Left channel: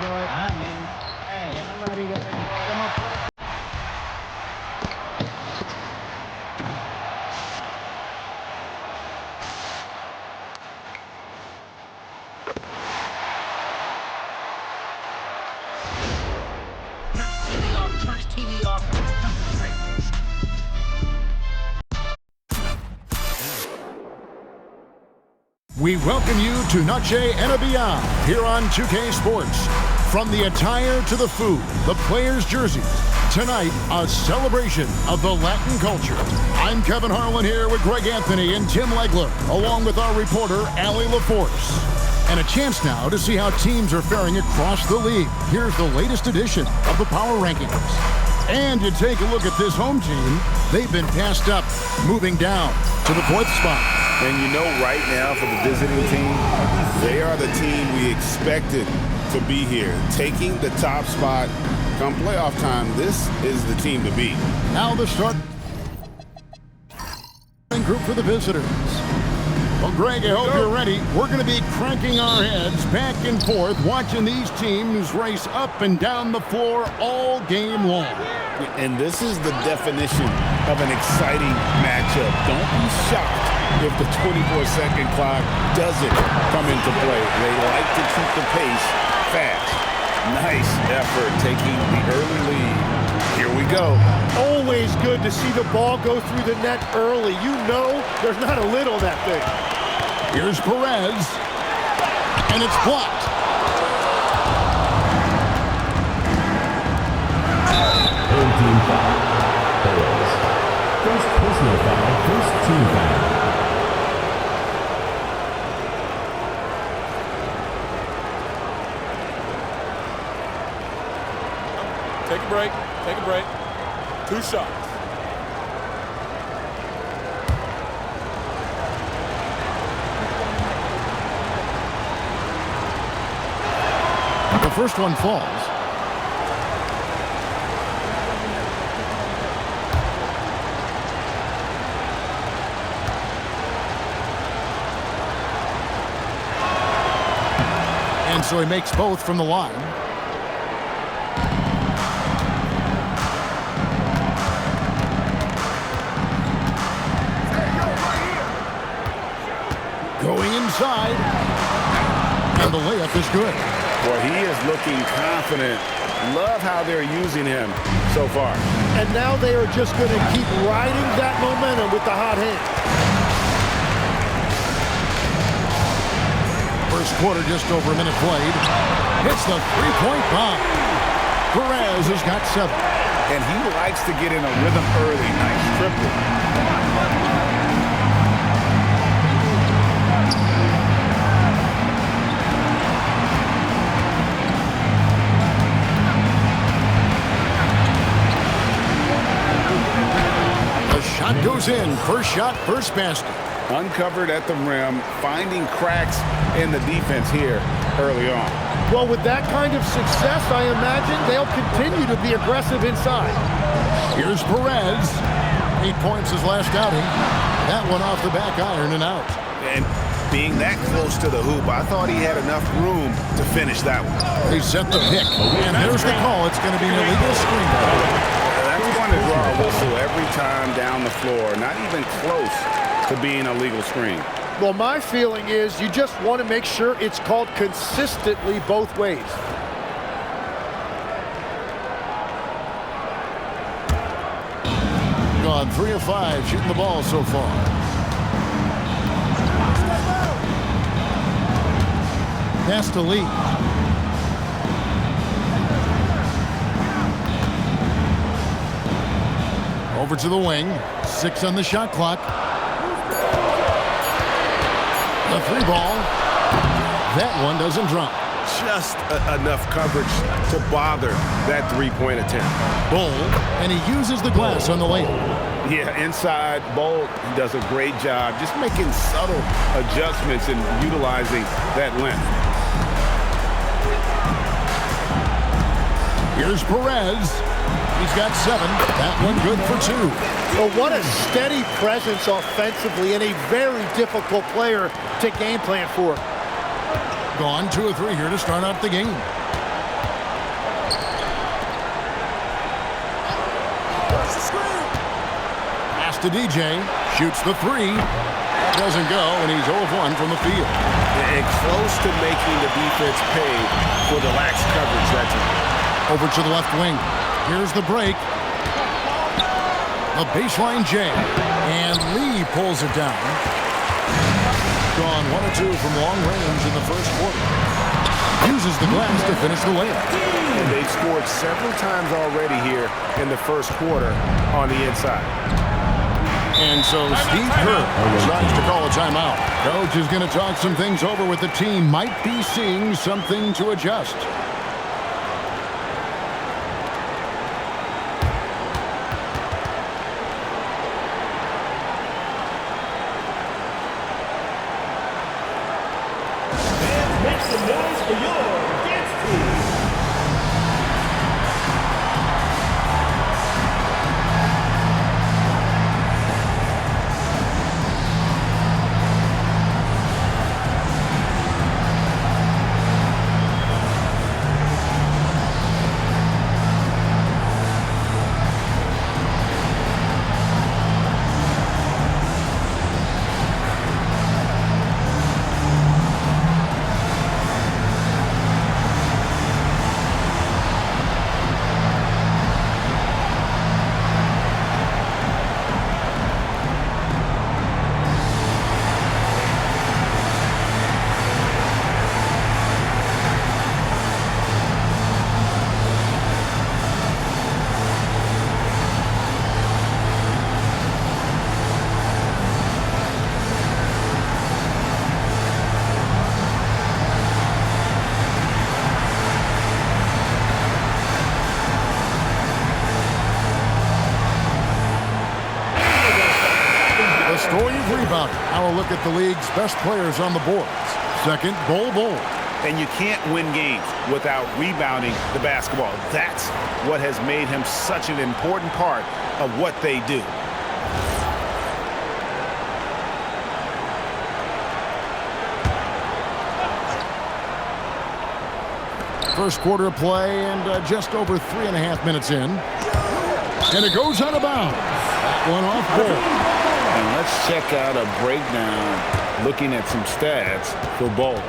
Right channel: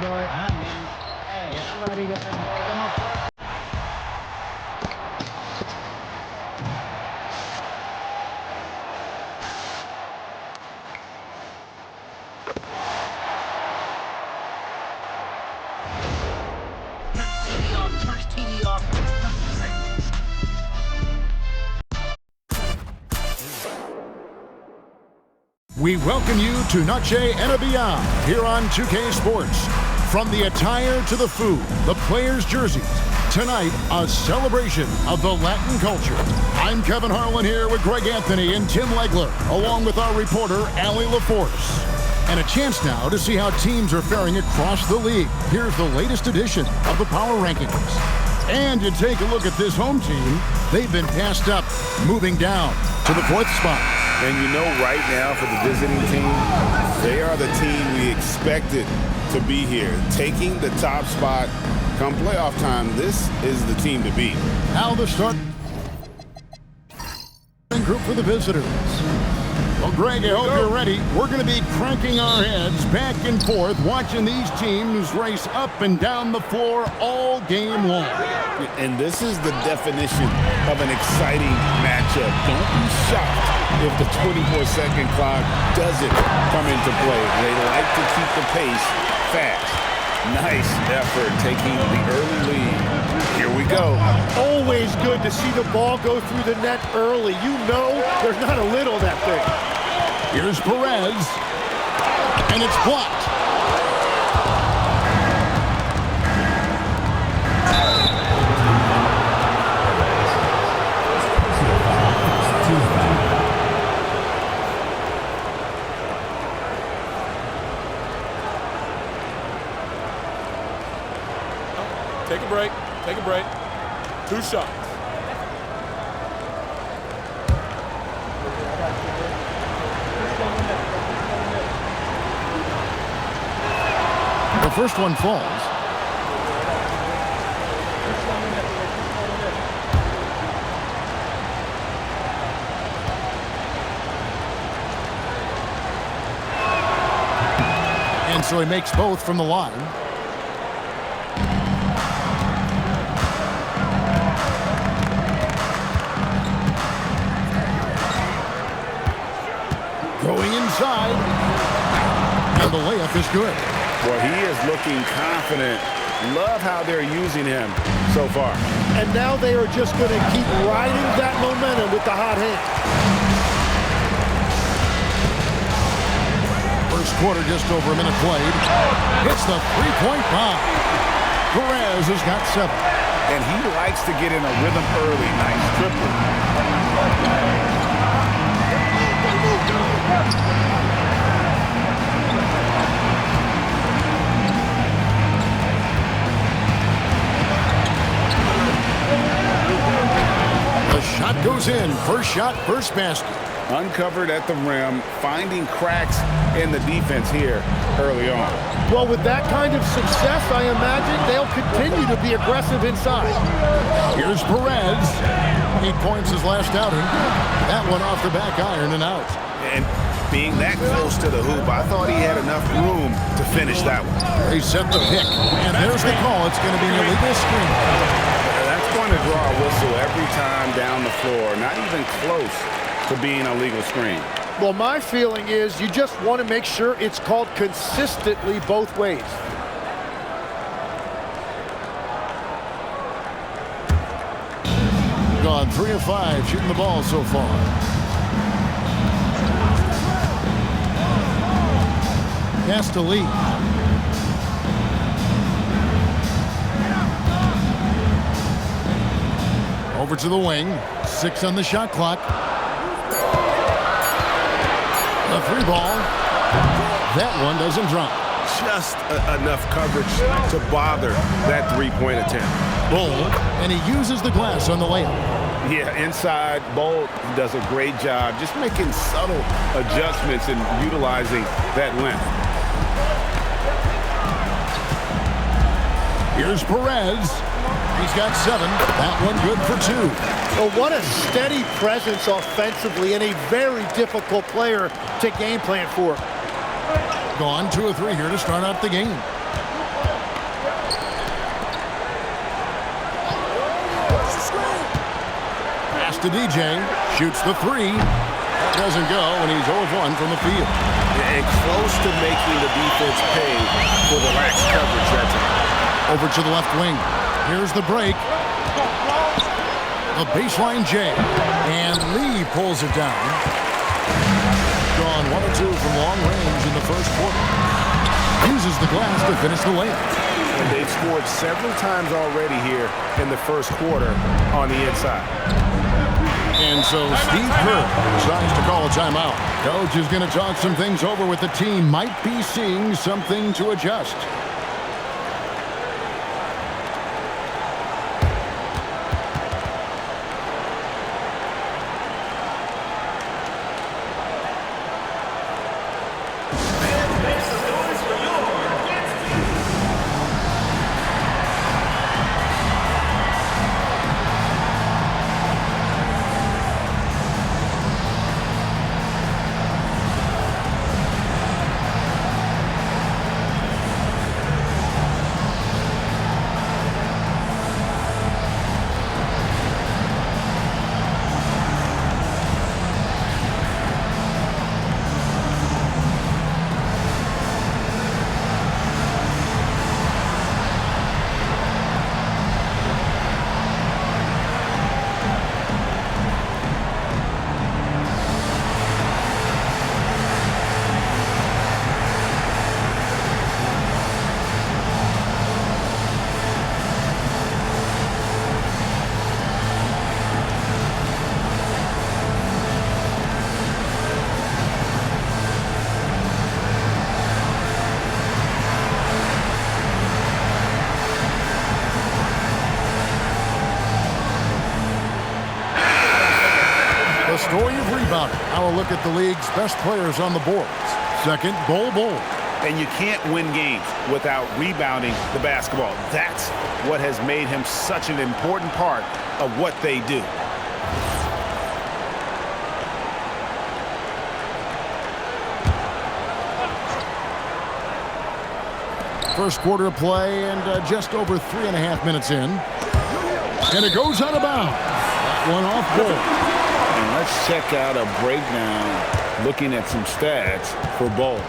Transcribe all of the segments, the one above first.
We welcome you to Noche and Beyond here on 2K Sports. From the attire to the food, the players' jerseys, tonight a celebration of the Latin culture. I'm Kevin Harlan here with Greg Anthony and Tim Legler, along with our reporter, Allie LaForce. And a chance now to see how teams are faring across the league. Here's the latest edition of the Power Rankings. And you take a look at this home team, they've been passed up, moving down to the 4th spot. And you know right now for the visiting team, they are the team we expected to be here. Taking the top spot come playoff time, this is the team to beat. Now the start group for the visitors. Well, Greg, I hope you're ready. We're going to be cranking our heads back and forth, watching these teams race up and down the floor all game long. And this is the definition of an exciting matchup. Don't be shocked if the 24-second clock doesn't come into play. They like to keep the pace fast. Nice effort taking the early lead. Here we go. Always good to see the ball go through the net early. You know there's not a lid on that thing. Here's Perez, and it's blocked. Take a break. Take a break. 2 shots. The first one falls. And so he makes both from the line. Going inside, and the layup is good. Boy, he is looking confident. Love how they're using him so far. And now they are just going to keep riding that momentum with the hot hand. First quarter, just over a minute played. Hits the three-point bomb. Perez has got 7. And he likes to get in a rhythm early. Nice triple. The shot goes in. First shot, first basket. Uncovered at the rim, finding cracks in the defense here early on. Well, with that kind of success, I imagine they'll continue to be aggressive inside. Here's Perez. 8 points his last outing. That one off the back iron and out. And being that close to the hoop, I thought he had enough room to finish that one. They set the pick, and there's the call. It's going to be an illegal screen. That's going to draw a whistle every time down the floor. Not even close to being a legal screen. Well, my feeling is you just want to make sure it's called consistently both ways. Gone 3 of 5 shooting the ball so far. Pass to Lee. Over to the wing. 6 on the shot clock. The 3 ball. That one doesn't drop. Just enough coverage to bother that 3-point attempt. Bold, and he uses the glass on the layup. Yeah, inside, Bold does a great job just making subtle adjustments and utilizing that length. Here's Perez. He's got 7. That one good for 2. Well, what a steady presence offensively and a very difficult player to game plan for. Gone 2 of 3 here to start out the game. to DJ. Shoots the three. That doesn't go, and he's 0 of 1 from the field. And close to making the defense pay for the lax coverage that time. Over to the left wing. Here's the break. The baseline J. And Lee pulls it down. Gone 1 of 2 from long range in the first quarter. Uses the glass to finish the layup. And they've scored several times already here in the first quarter on the inside. And so Steve Kerr decides to call a timeout. Coach is going to talk some things over with the team. Might be seeing something to adjust. The story of rebounding. Now a look at the league's best players on the boards. Second, Bol Bol. And you can't win games without rebounding the basketball. That's what has made him such an important part of what they do. First quarter of play and just over 3.5 minutes in. And it goes out of bounds. That one off Bol. And let's check out a breakdown looking at some stats for Bol.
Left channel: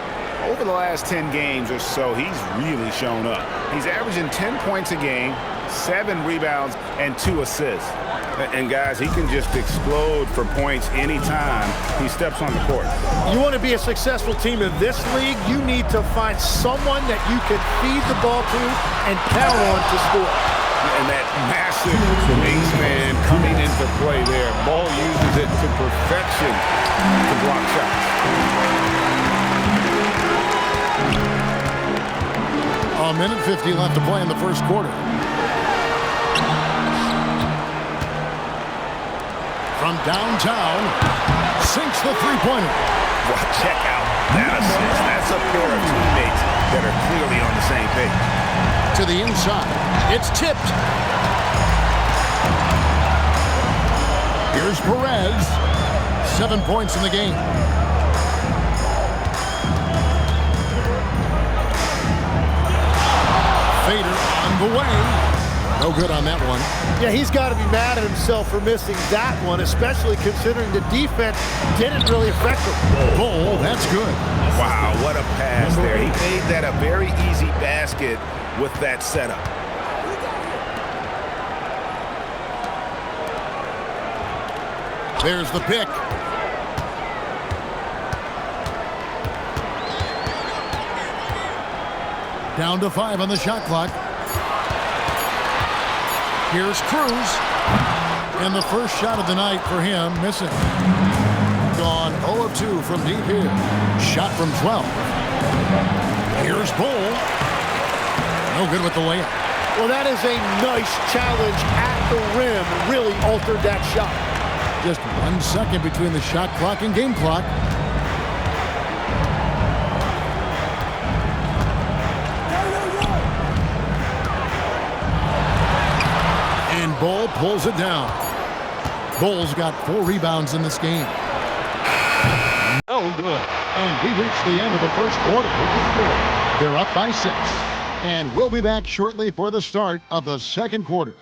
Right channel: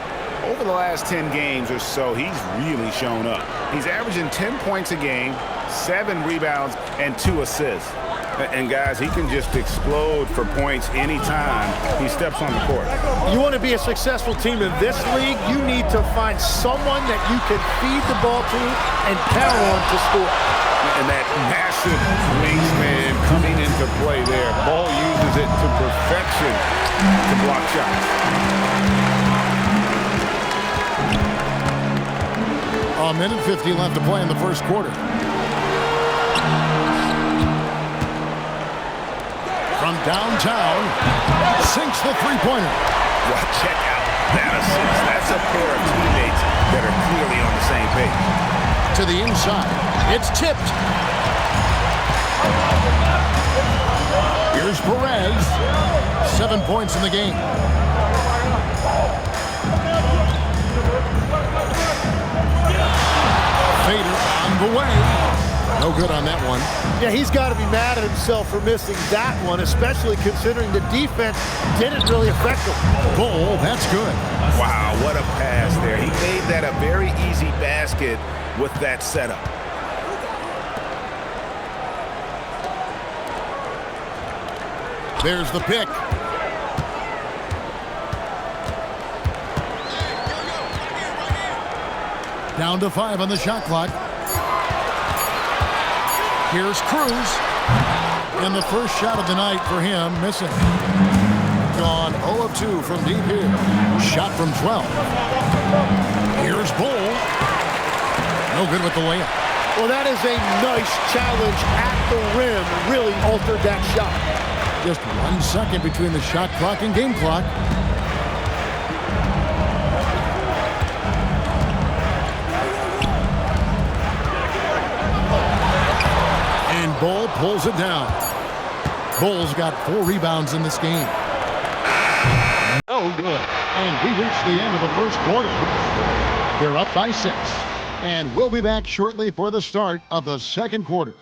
Over the last 10 games or so, he's really shown up. He's averaging 10 points a game, 7 rebounds, and 2 assists. And guys, he can just explode for points anytime he steps on the court. You want to be a successful team in this league, you need to find someone that you can feed the ball to and count on to score. And that massive wingspan coming into play there. Ball uses it to perfection to block shots. A minute 50 left to play in the first quarter. From downtown, sinks the three-pointer. Well, check out that assist. That's a pair of teammates that are clearly on the same page. To the inside. It's tipped. Here's Perez. 7 points in the game. Fader on the way. No good on that one. Yeah, he's got to be mad at himself for missing that one, especially considering the defense didn't really affect him. Bol, that's good. Wow, what a pass there. He made that a very easy basket with that setup. There's the pick. Down to 5 on the shot clock. Here's Cruz. And the first shot of the night for him, missing. Gone 0 of 2 from deep here. Shot from 12. Here's Bol. No good with the layup. Well, that is a nice challenge at the rim. Really altered that shot. Just 1 second between the shot clock and game clock. And Bol pulls it down. Bol's got 4 rebounds in this game. Oh, good. And we reach the end of the first quarter. They're up by 6. And we'll be back shortly for the start of the second quarter.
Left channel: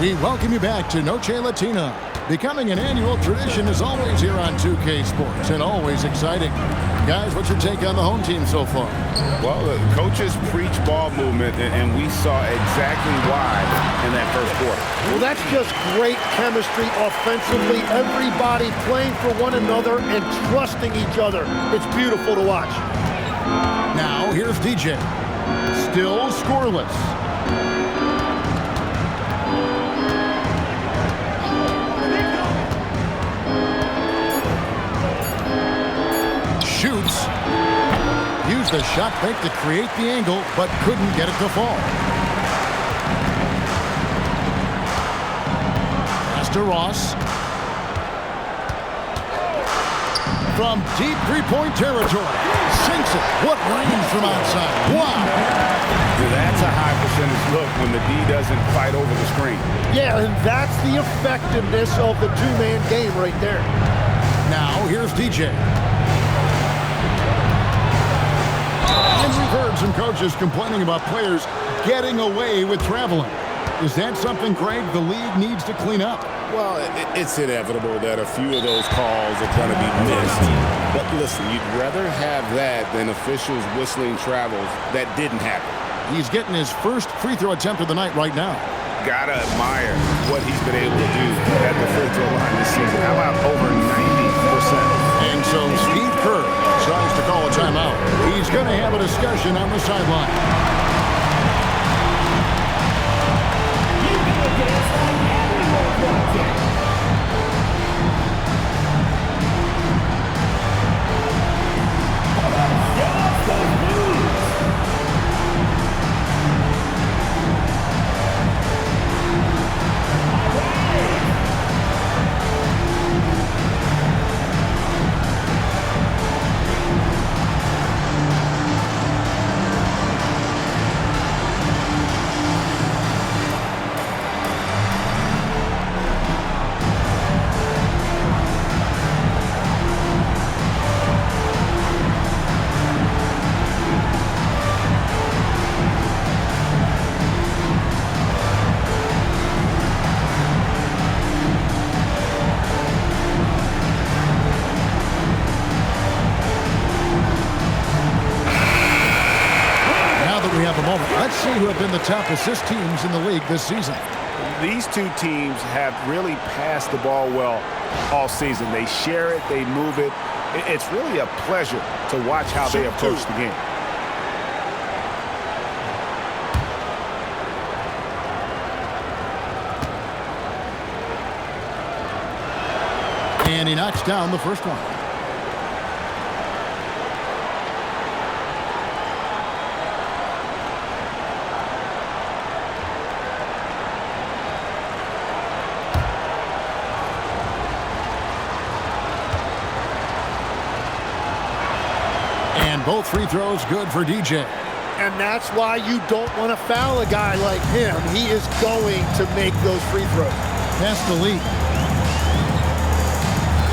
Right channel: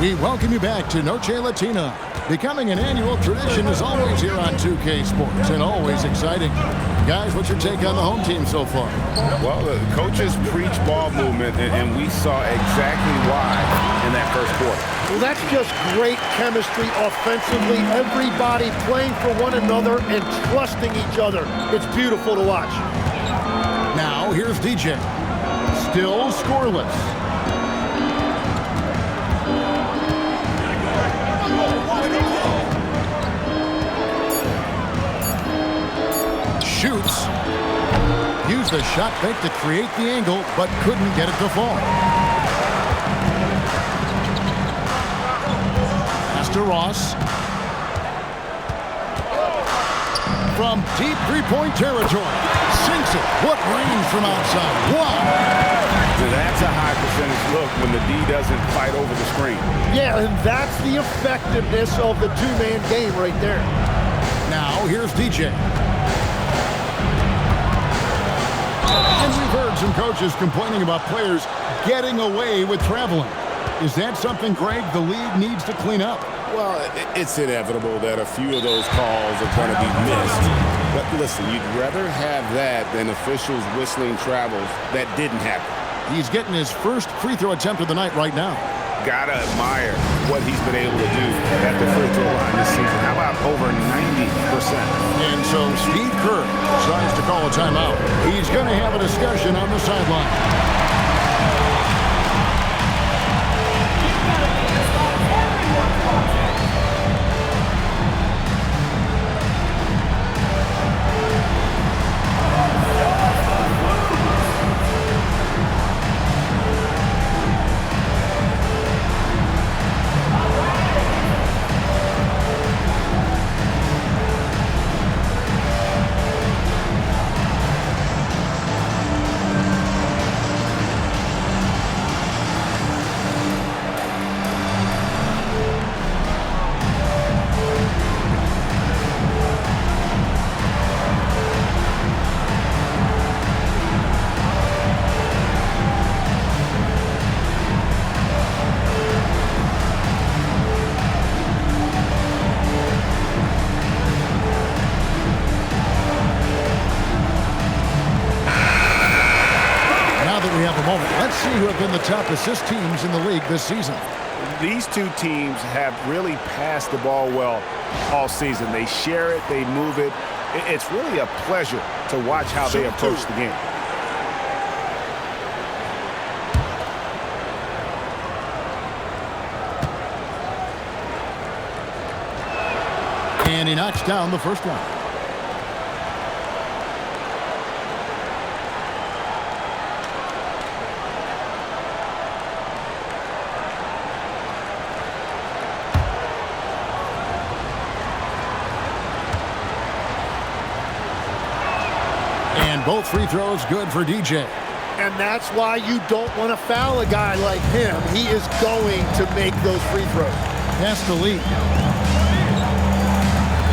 We welcome you back to Noche Latina. Becoming an annual tradition is always here on 2K Sports and always exciting. Guys, what's your take on the home team so far? Well, the coaches preach ball movement, and we saw exactly why in that first quarter. Well, that's just great chemistry offensively. Everybody playing for one another and trusting each other. It's beautiful to watch. Now, here's DJ. Still scoreless. Shoots. Used the shot fake to create the angle, but couldn't get it to fall. Pass to Ross. From deep three-point territory. Sinks it. What range from outside. Wow. That's a high percentage look when the D doesn't fight over the screen. Yeah, and that's the effectiveness of the two-man game right there. Now, here's DJ. And we've heard some coaches complaining about players getting away with traveling. Is that something, Greg, the league needs to clean up? Well, it's inevitable that a few of those calls are going to be missed. But listen, you'd rather have that than officials whistling travels that didn't happen. He's getting his first free throw attempt of the night right now. Gotta admire what he's been able to do at the free throw line this season. How about over 90%? And so Steve Kerr decides to call a timeout. He's going to have a discussion on the sideline. Now that we have a moment, let's see who have been the top assist teams in the league this season. These two teams have really passed the ball well all season. They share it, they move it. It's really a pleasure to watch how they approach the game. And he knocks down the first one. And both free throws good for DJ. And that's why you don't want to foul a guy like him. He is going to make those free throws. Pass to Lee.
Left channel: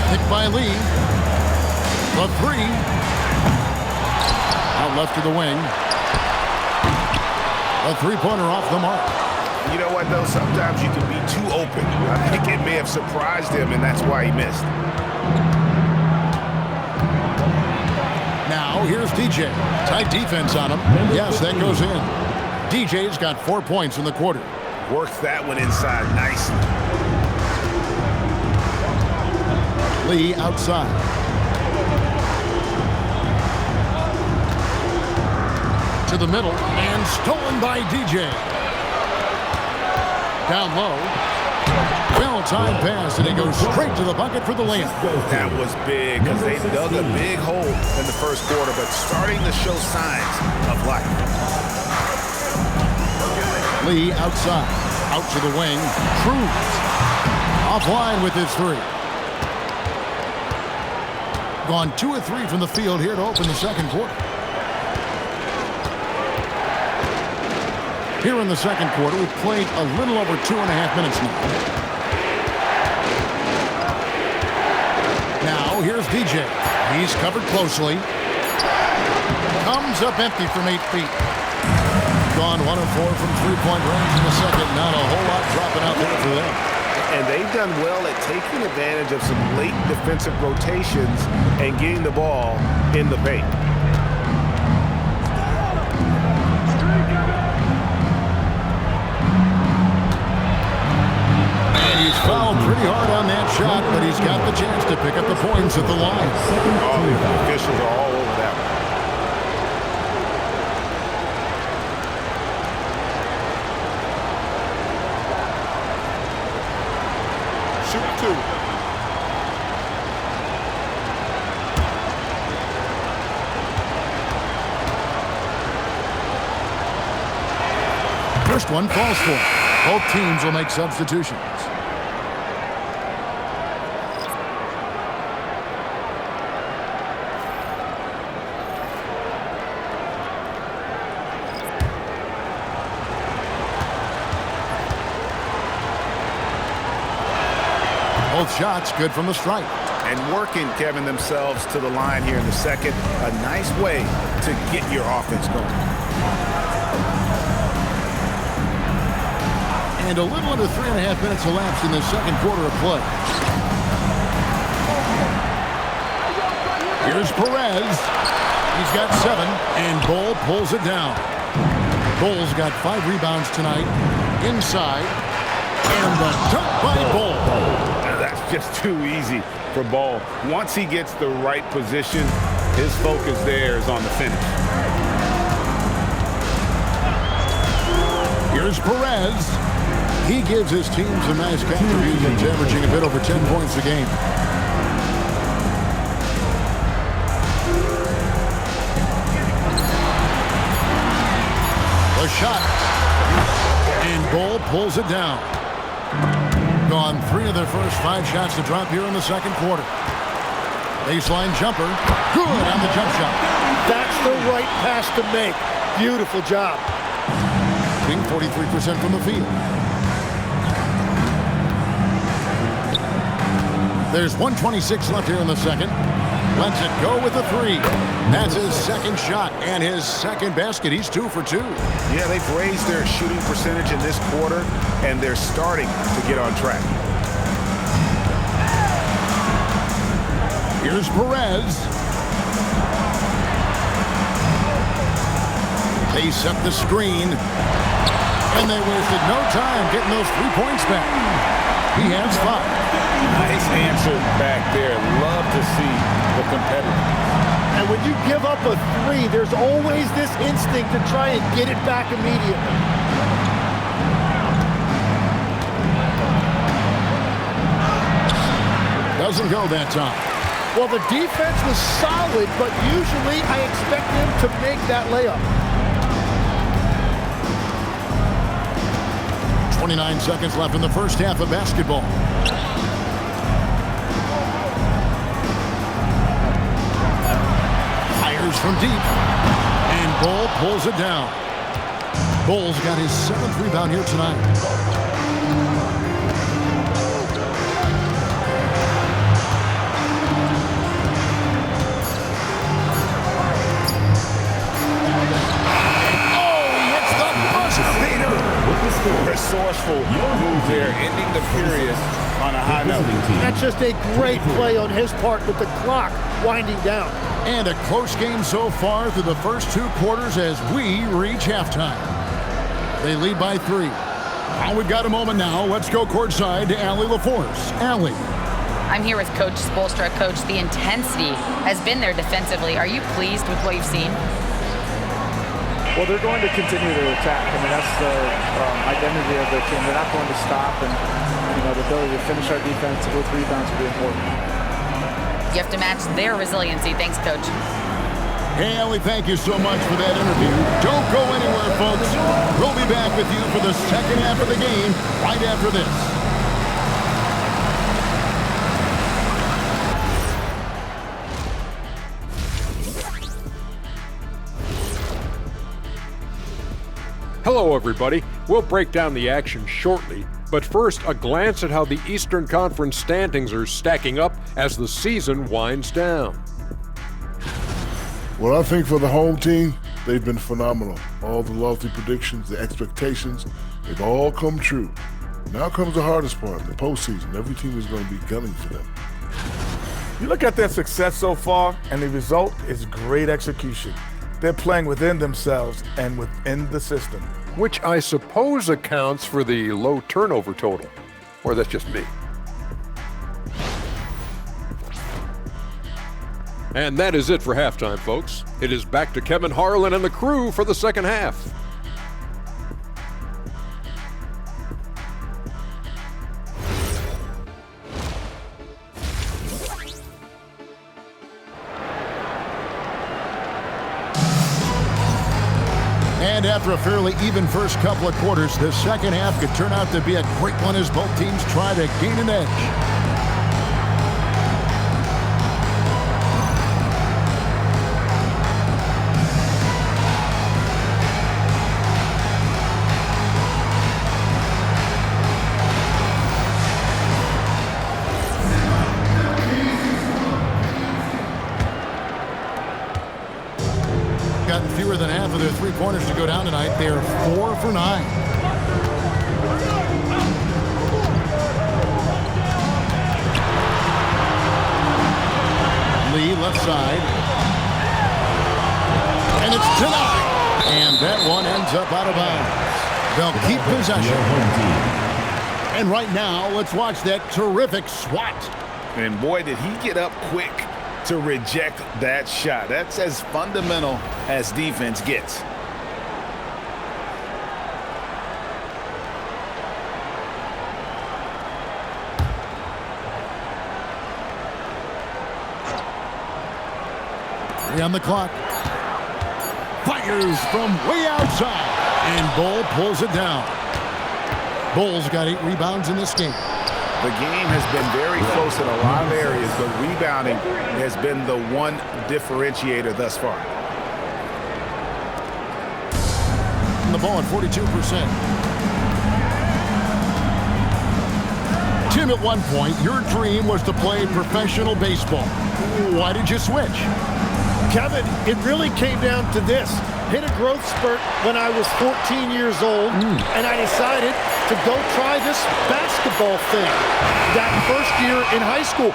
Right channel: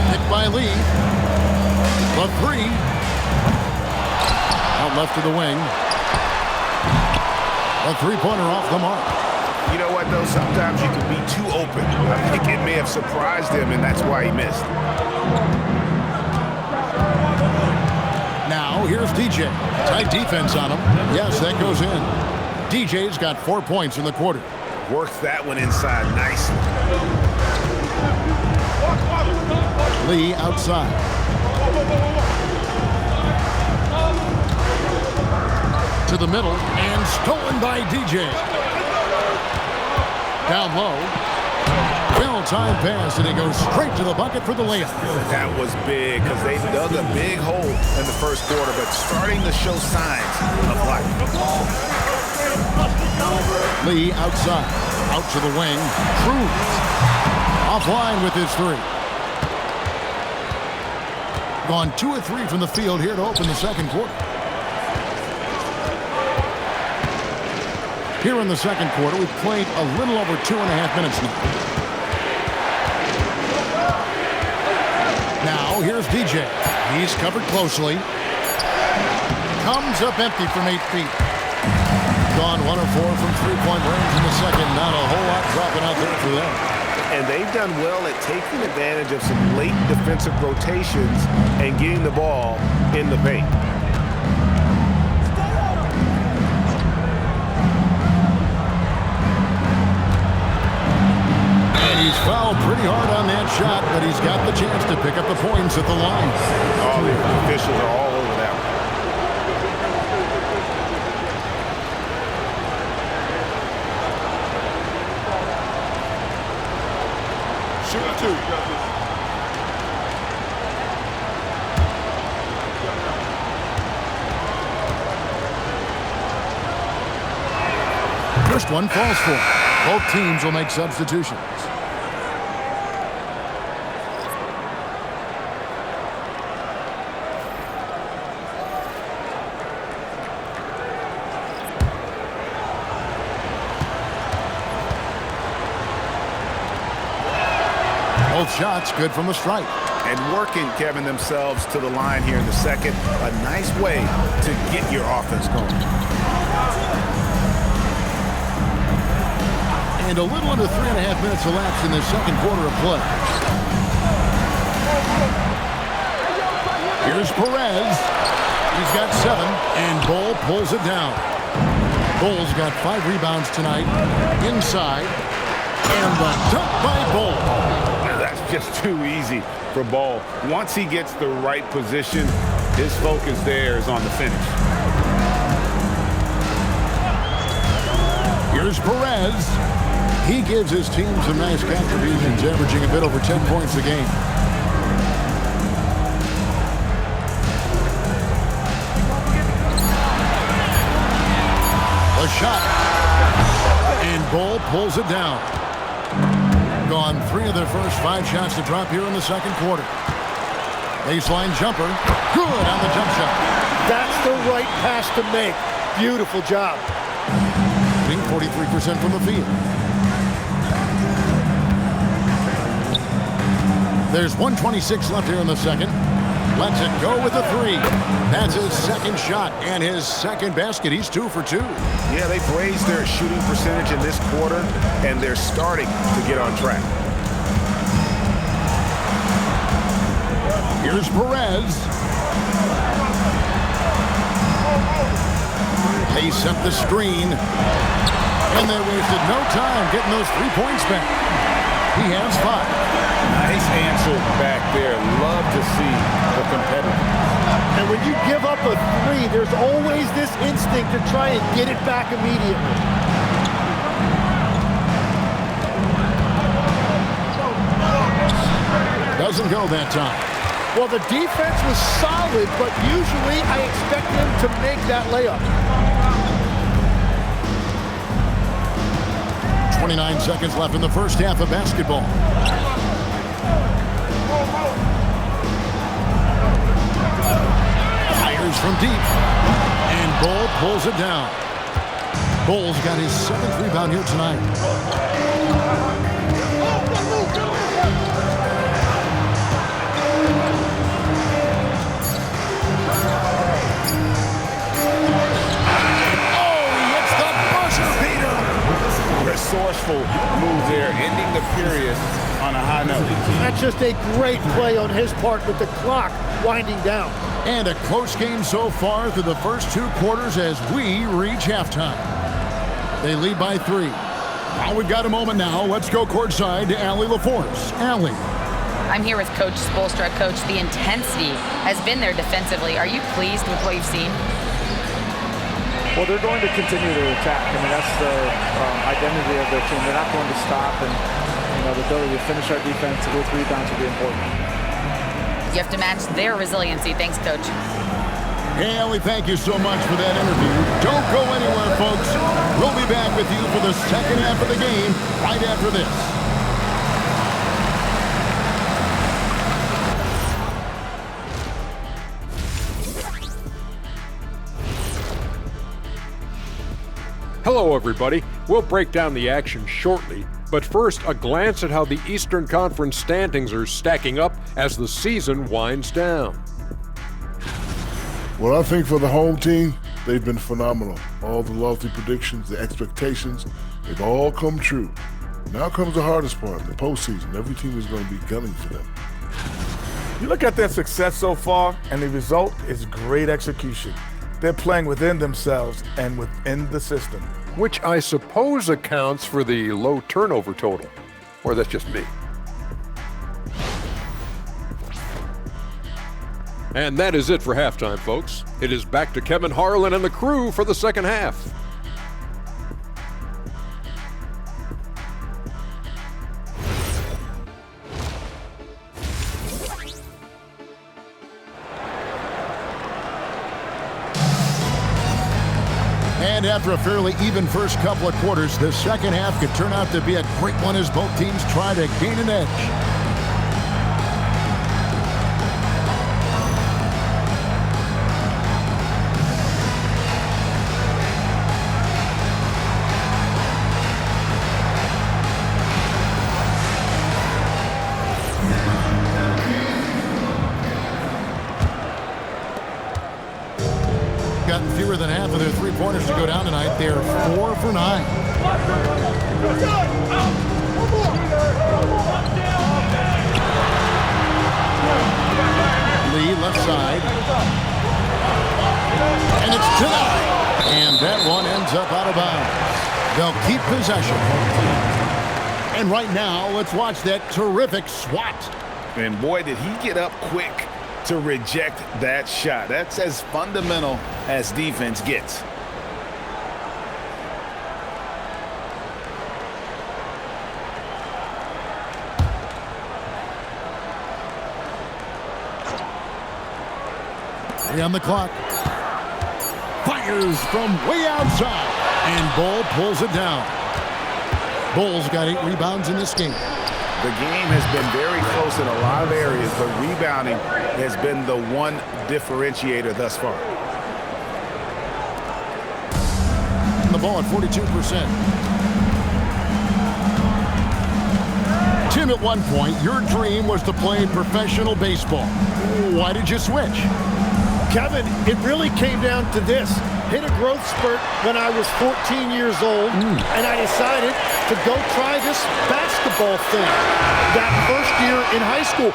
Picked by Lee. The three. Out left to the wing. A three-pointer off the mark. You know what, though? Sometimes you can be too open. I think it may have surprised him, and that's why he missed. Now, here's DJ. Tight defense on him. Yes, that goes in. DJ's got 4 points in the quarter. Worked that one inside nicely. Lee outside. To the middle, and stolen by DJ. Down low. Well-timed pass, and it goes straight to the bucket for the layup. That was big because they dug a big hole in the first quarter, but starting to show signs of life. Lee outside. Out to the wing. Cruz. Offline with his three. Gone 2 of 3 from the field here to open the second quarter. Here in the second quarter, we've played a little over 2.5 minutes now. Now, here's DJ. He's covered closely. Comes up empty from 8 feet. gone 1 of 4 from three-point range in the second. Not a whole lot dropping out there for them. And they've done well at taking advantage of some late defensive rotations and getting the ball in the paint. And he's fouled pretty hard on that shot, but he's got the chance to pick up the points at the line. Oh, the officials are all over that one. Shoot 2. First one falls for him. Both teams will make substitutions. Both shots good from the stripe. And working, Kevin, themselves to the line here in the second. A nice way to get your offense going. And a little under 3.5 minutes elapsed in the second quarter of play. Here's Perez. He's got 7, and Bull pulls it down. Bull's got 5 rebounds tonight. Inside. And the dunk by Bull. That's just too easy for Ball. Once he gets the right position, his focus there is on the finish. Here's Perez. He gives his team some nice contributions, averaging a bit over 10 points a game. The shot. And Bull pulls it down. Gone 3 of their first 5 shots to drop here in the second quarter. Baseline jumper. Good on the jump shot. That's the right pass to make. Beautiful job. Being 43% from the field. There's 1:26 left here in the second. Lets it go with a 3. That's his second shot and his second basket. He's 2 for 2. Yeah, they've raised their shooting percentage in this quarter, and they're starting to get on track. Here's Perez. They set the screen, and they wasted no time getting those 3 points back. He has 5. Nice answer back there. Love to see the competitiveness. And when you give up a 3, there's always this instinct to try and get it back immediately. Doesn't go that time. Well, the defense was solid, but usually I expect them to make that layup. 29 seconds left in the first half of basketball. Fires from deep. And Bull pulls it down. Bull's got his 7th rebound here tonight. Resourceful move there, ending the period on a high note. That's just a great play on his part with the clock winding down. And a close game so far through the first 2 quarters as we reach halftime. They lead by 3. Well, we've got a moment now. Let's go courtside to Allie LaForce. Allie. I'm here with Coach Spoelstra. Coach, the intensity has been there defensively. Are you pleased with what you've seen? Well, they're going to continue to attack. I mean, that's the identity of their team. They're not going to stop, and the ability to finish our defense with rebounds will be important. You have to match their resiliency. Thanks, Coach. Hey, Allie, thank you so much for that interview. Don't go anywhere, folks. We'll be back with you for the second half of the game right after this. Hello, everybody. We'll break down the action shortly, but first, a glance at how the Eastern Conference standings are stacking up as the season winds down. Well, I think for the home team, they've been phenomenal. All the lofty predictions, the expectations, they've all come true. Now comes the hardest part, the postseason. Every team is going to be gunning for them. You look at their success so far, and the result is great execution. They're playing within themselves and within the system. Which I suppose accounts for the low turnover total. Or that's just me. And that is it for halftime, folks. It is back to Kevin Harlan and the crew for the second half. And after a fairly even first couple of quarters, the second half could turn out to be a great one as both teams try to gain an edge. Gotten fewer than half of their three-pointers to go down tonight. They're 4 for 9. Lee left side. And it's denied. And that one ends up out of bounds. They'll keep possession. And right now, let's watch that terrific swat. And boy, did he get up quick to reject that shot. That's as fundamental as defense gets. Three on the clock. Fires from way outside. And Bull pulls it down. Bull's got 8 rebounds in this game. The game has been very close in a lot of areas, but rebounding has been the one differentiator thus far. The ball at 42%. Tim, at one point, your dream was to play professional baseball. Why did you switch? Kevin, it really came down to this. Hit a growth spurt when I was 14 years old, and I decided to go try this basketball thing that first year in high school.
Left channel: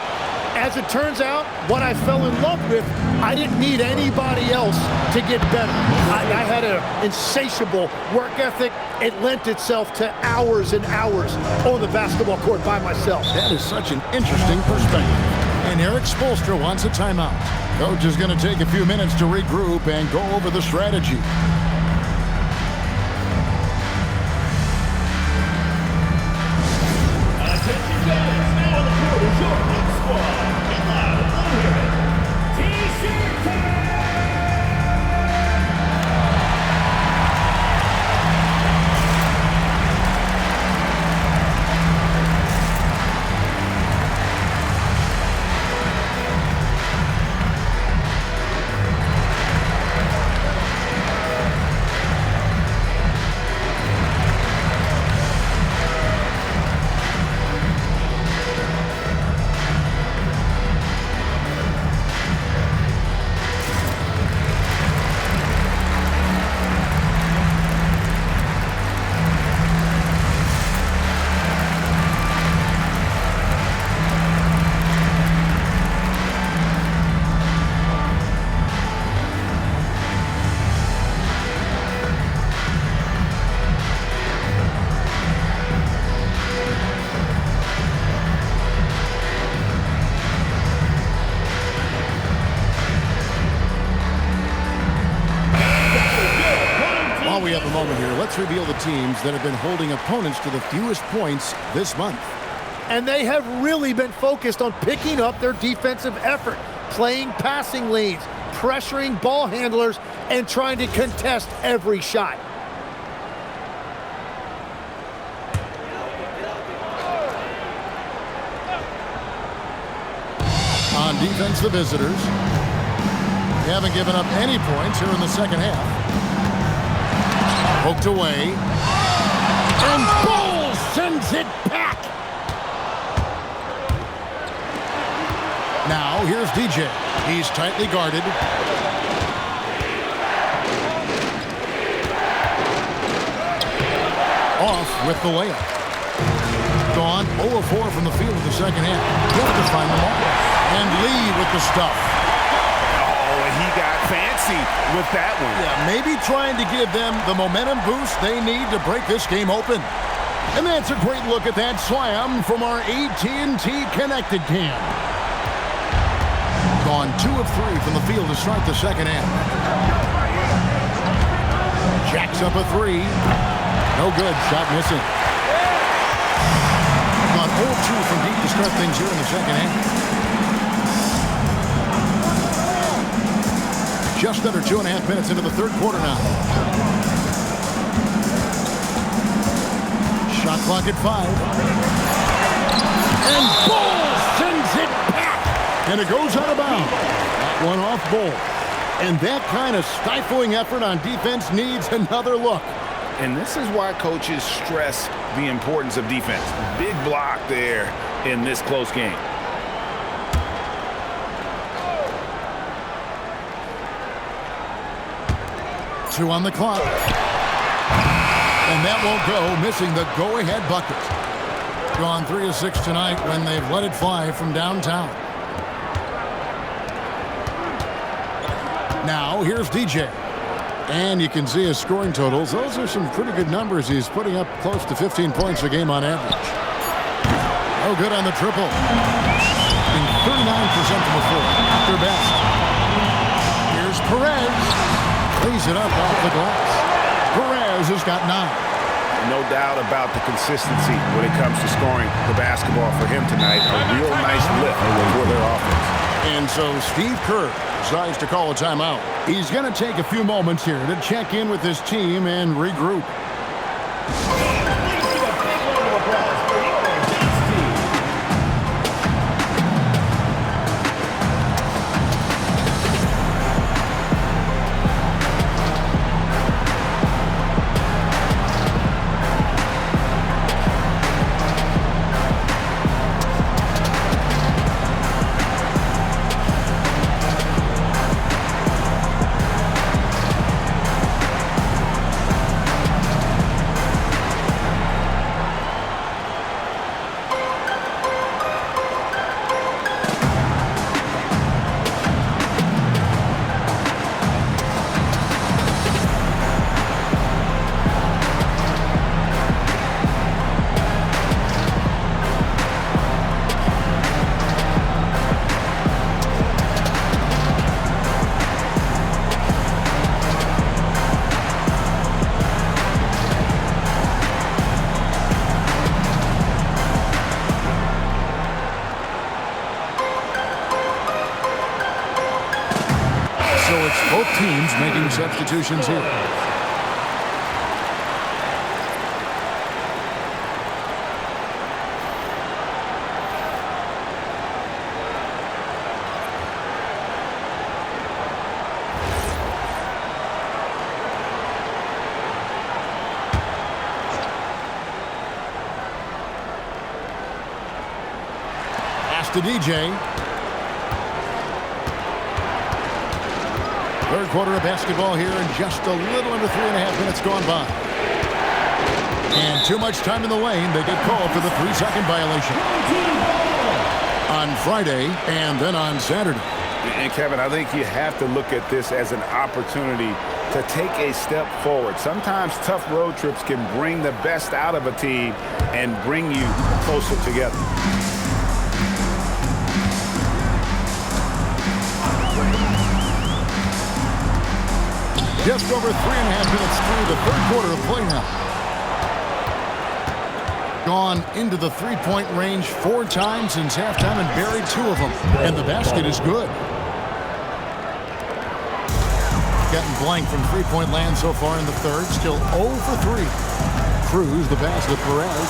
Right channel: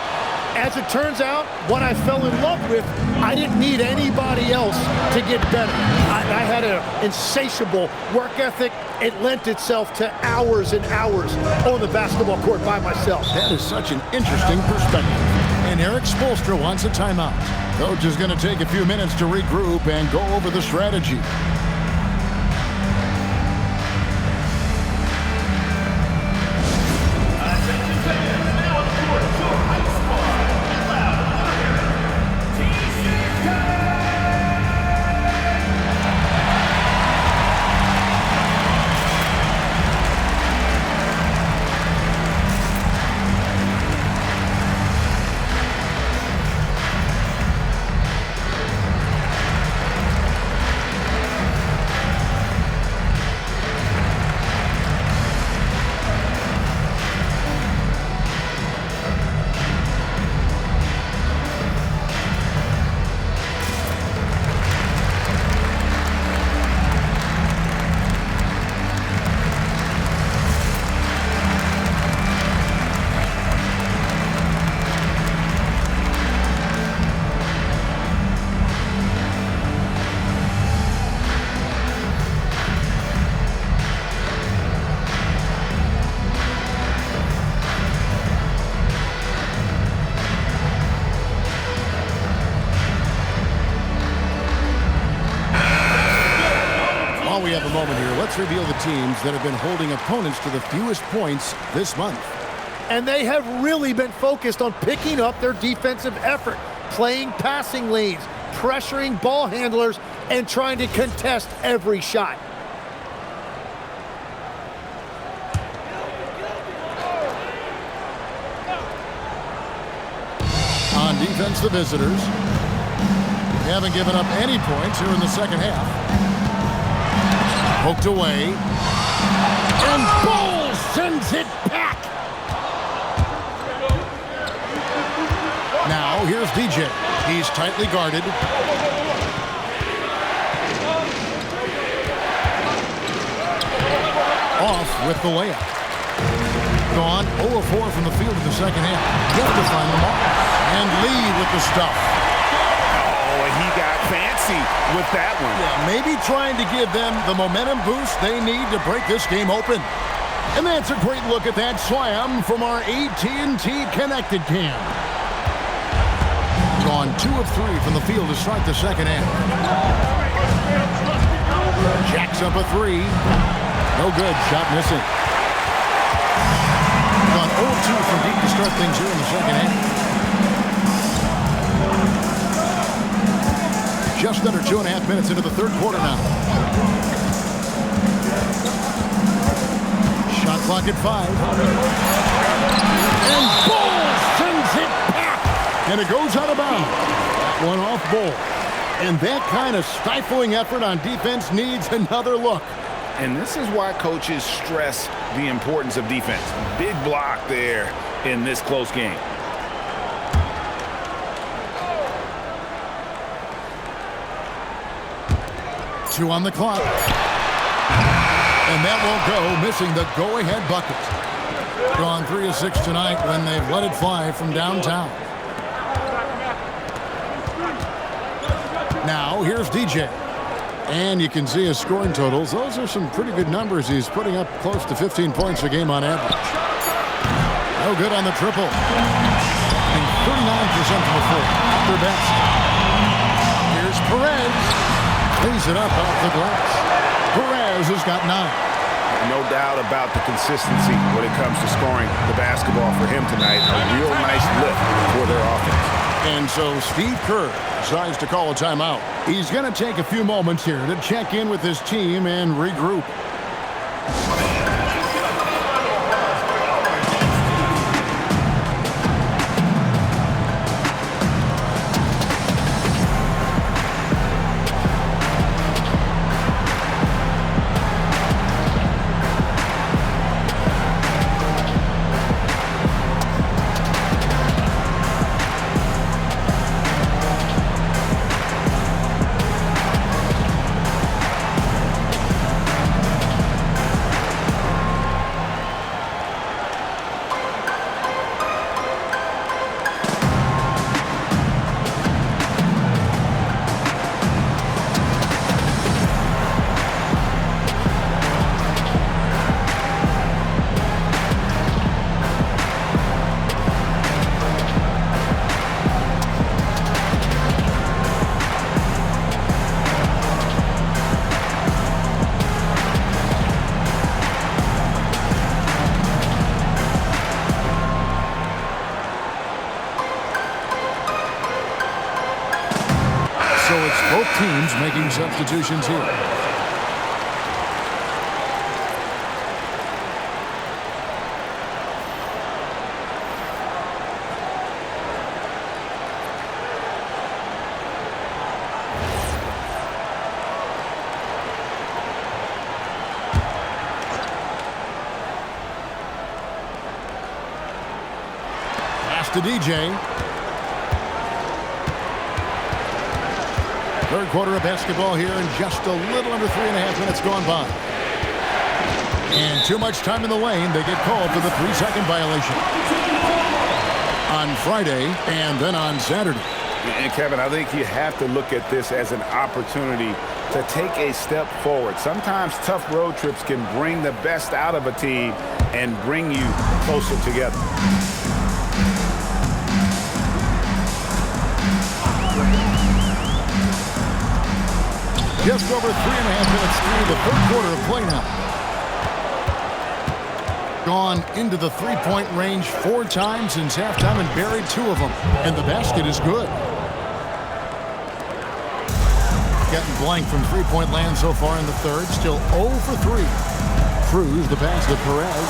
As it turns out, what I fell in love with, I didn't need anybody else to get better. I had an insatiable work ethic. It lent itself to hours and hours on the basketball court by myself. That is such an interesting perspective. And Eric Spoelstra wants a timeout. Coach is going to take a few minutes to regroup and go over the strategy. While we have a moment here, let's reveal the teams that have been holding opponents to the fewest points this month. And they have really been focused on picking up their defensive effort, playing passing lanes, pressuring ball handlers, and trying to contest every shot. On defense, the visitors. They haven't given up any points here in the second half. Poked away. And Bull sends it back. Now, here's DJ. He's tightly guarded. off with the layup. Gone 0 of 4 from the field in the second half. Yet to find the mark. And Lee with the stuff. Oh, and he got fancy with that one. Yeah, maybe trying to give them the momentum boost they need to break this game open. And that's a great look at that slam from our AT&T Connected Cam. Gone 2 of 3 from the field to start the second half. Jacks up a 3. No good. Shot missing. Gone 0 of 2 from deep to start things here in the second half. Just under 2.5 minutes into the third quarter now. Shot clock at 5. And Bull sends it back. And it goes out of bounds. That one off Bull. And that kind of stifling effort on defense needs another look. And this is why coaches stress the importance of defense. Big block there in this close game. Two on the clock. And that won't go, missing the go-ahead bucket. Gone 3 of 6 tonight when they've let it fly from downtown. Now, here's DJ. And you can see his scoring totals. Those are some pretty good numbers. He's putting up close to 15 points a game on average. No good on the triple. Being 39% from the floor. At their best. Here's Perez. Lays it up off the glass. Perez has got 9. No doubt about the consistency when it comes to scoring the basketball for him tonight. A real nice lift for their offense. And so Steve Kerr decides to call a timeout. He's going to take a few moments here to check in with his team and regroup. So it's both teams making substitutions here. Pass to DJ. Third quarter of basketball here and just a little under 3.5 minutes gone by. And too much time in the lane. They get called for the 3-second violation. On Friday and then on Saturday. And Kevin, I think you have to look at this as an opportunity to take a step forward. Sometimes tough road trips can bring the best out of a team and bring you closer together. Just over 3.5 minutes through the third quarter of play now. Gone into the three-point range 4 times since halftime and buried 2 of them. And the basket is good. Gotten blank from three-point land so far in the third. Still 0 for 3. Cruz the pass to Perez.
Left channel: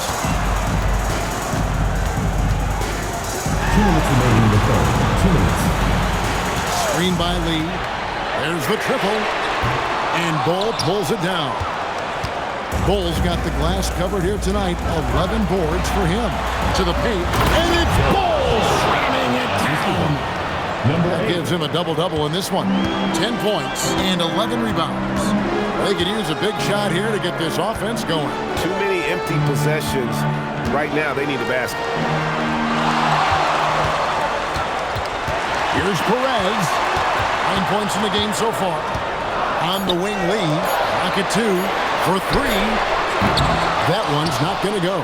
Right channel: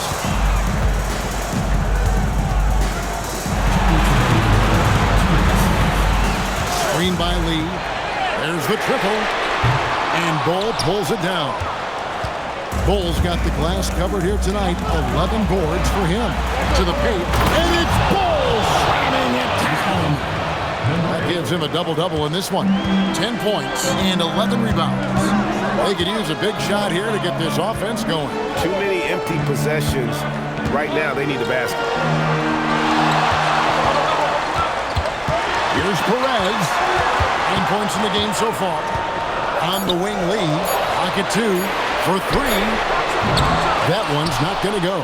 Screen by Lee. There's the triple. And Bull pulls it down. Bull's got the glass covered here tonight. 11 boards for him. To the paint. And it's Bull slamming it down. That gives him a double-double in this one. 10 points and 11 rebounds. They could use a big shot here to get this offense going. Too many empty possessions. Right now, they need a basket. Here's Perez. 9 points in the game so far. On the wing, Lee. Pocket 2 for 3. That one's not going to go.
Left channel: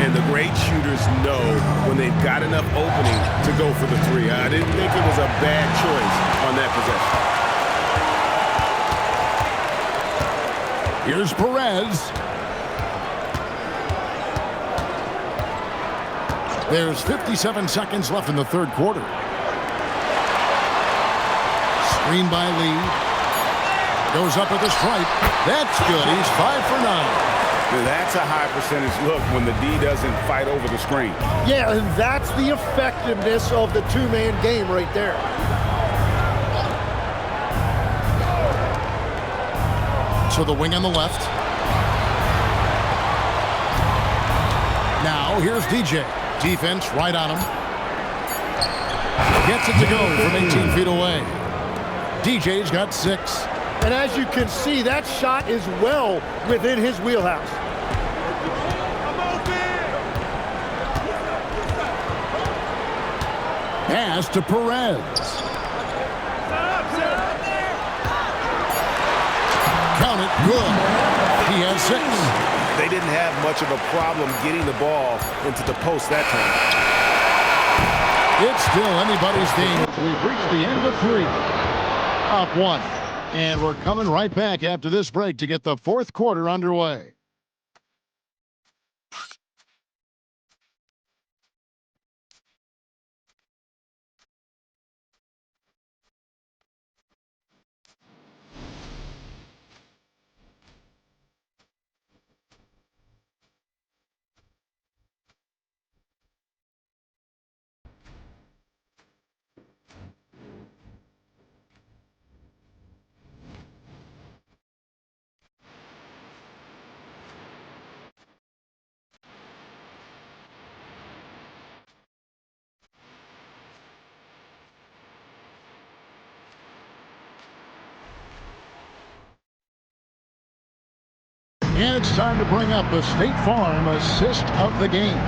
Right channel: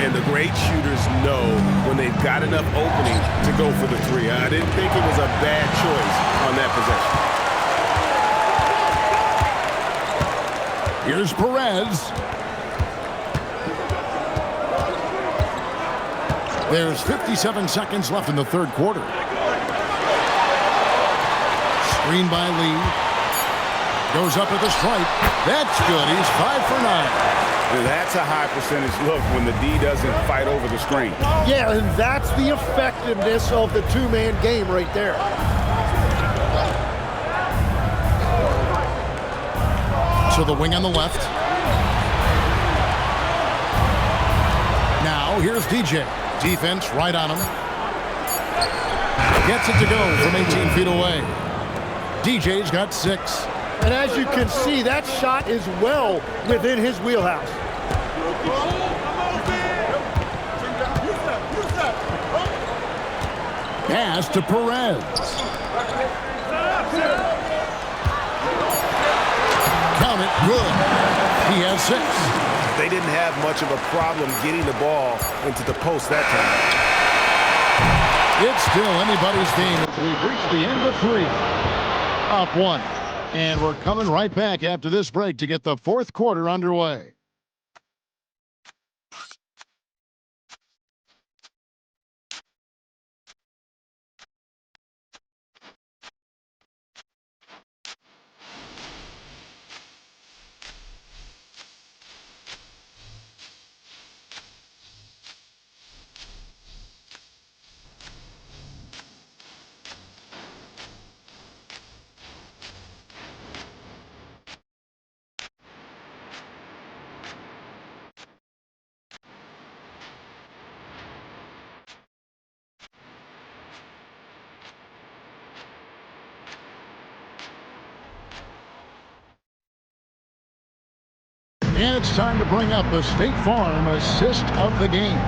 And the great shooters know when they've got enough opening to go for the 3. I didn't think it was a bad choice on that possession. Here's Perez. There's 57 seconds left in the third quarter. Screen by Lee. Goes up with a stripe. That's good. He's 5 for 9. That's a high percentage look when the D doesn't fight over the screen. Yeah, and that's the effectiveness of the two-man game right there. To the wing on the left. Now, here's DJ. Defense right on him. Gets it to go from 18 feet away. DJ's got 6. And as you can see, that shot is well within his wheelhouse. Pass to Perez. Count it. Good. He has 6. They didn't have much of a problem getting the ball into the post that time. It's still anybody's game. We've reached the end of 3. Up 1. And we're coming right back after this break to get the fourth quarter underway. And it's time to bring up the State Farm assist of the game.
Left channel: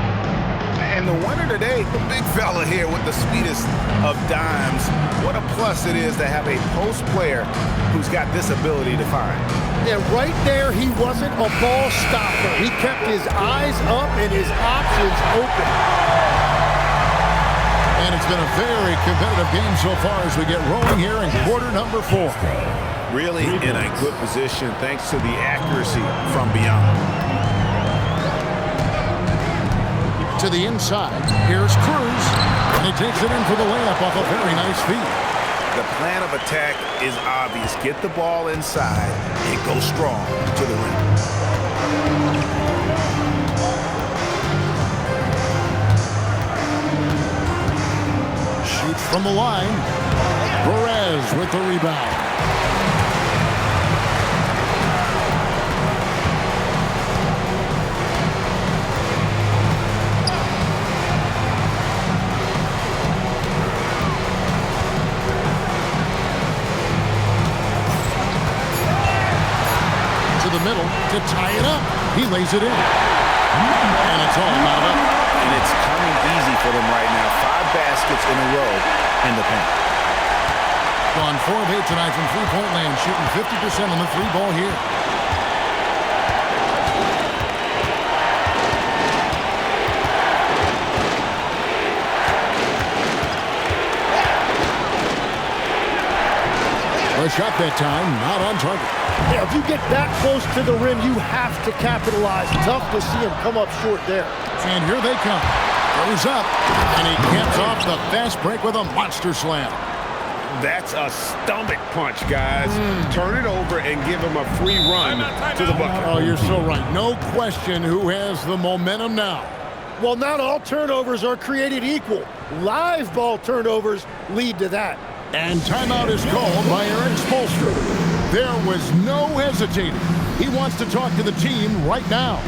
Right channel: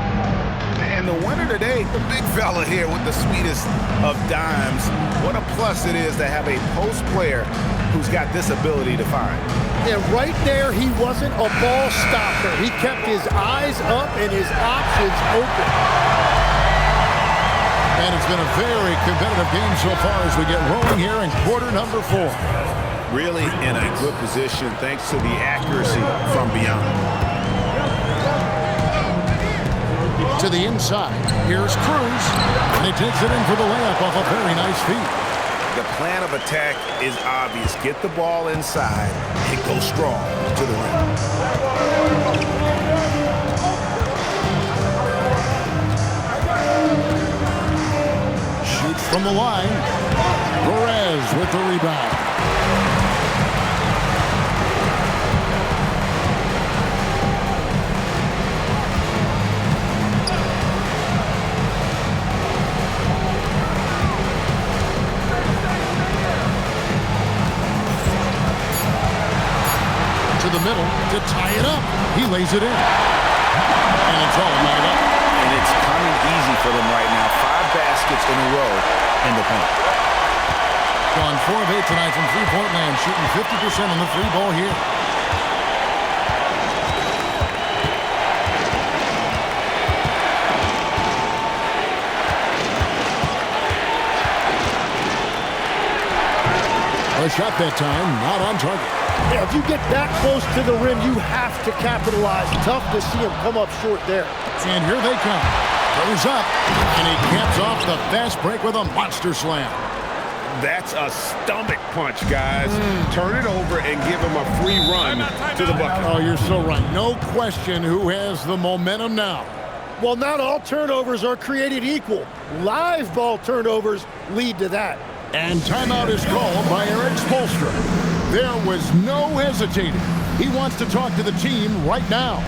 And the winner today, the big fella here with the sweetest of dimes. What a plus it is to have a post player who's got this ability to find. And right there, he wasn't a ball stopper. He kept his eyes up and his options open. And it's been a very competitive game so far as we get rolling here in quarter number 4. Really in a good position thanks to the accuracy from beyond. To the inside, here's Cruz, and he takes it in for the layup off a very nice feed. The plan of attack is obvious. Get the ball inside and go strong to the rim. Shoots from the line. Perez with the rebound. To the middle to tie it up. He lays it in. And it's all knotted up. And it's coming easy for them right now. 5 baskets in a row in the paint. Gone 4 of 8 tonight from three-point land, shooting 50% on the 3 ball here. A shot that time, not on target. Yeah, if you get that close to the rim, you have to capitalize. Tough to see him come up short there. And here they come. Throws up, and he caps off the fast break with a monster slam. That's a stomach punch, guys. Turn it over and give him a free run to the bucket. Oh, you're so right. No question who has the momentum now. Well, not all turnovers are created equal. Live ball turnovers lead to that. And timeout is called by Eric Spoelstra. There was no hesitating. He wants to talk to the team right now.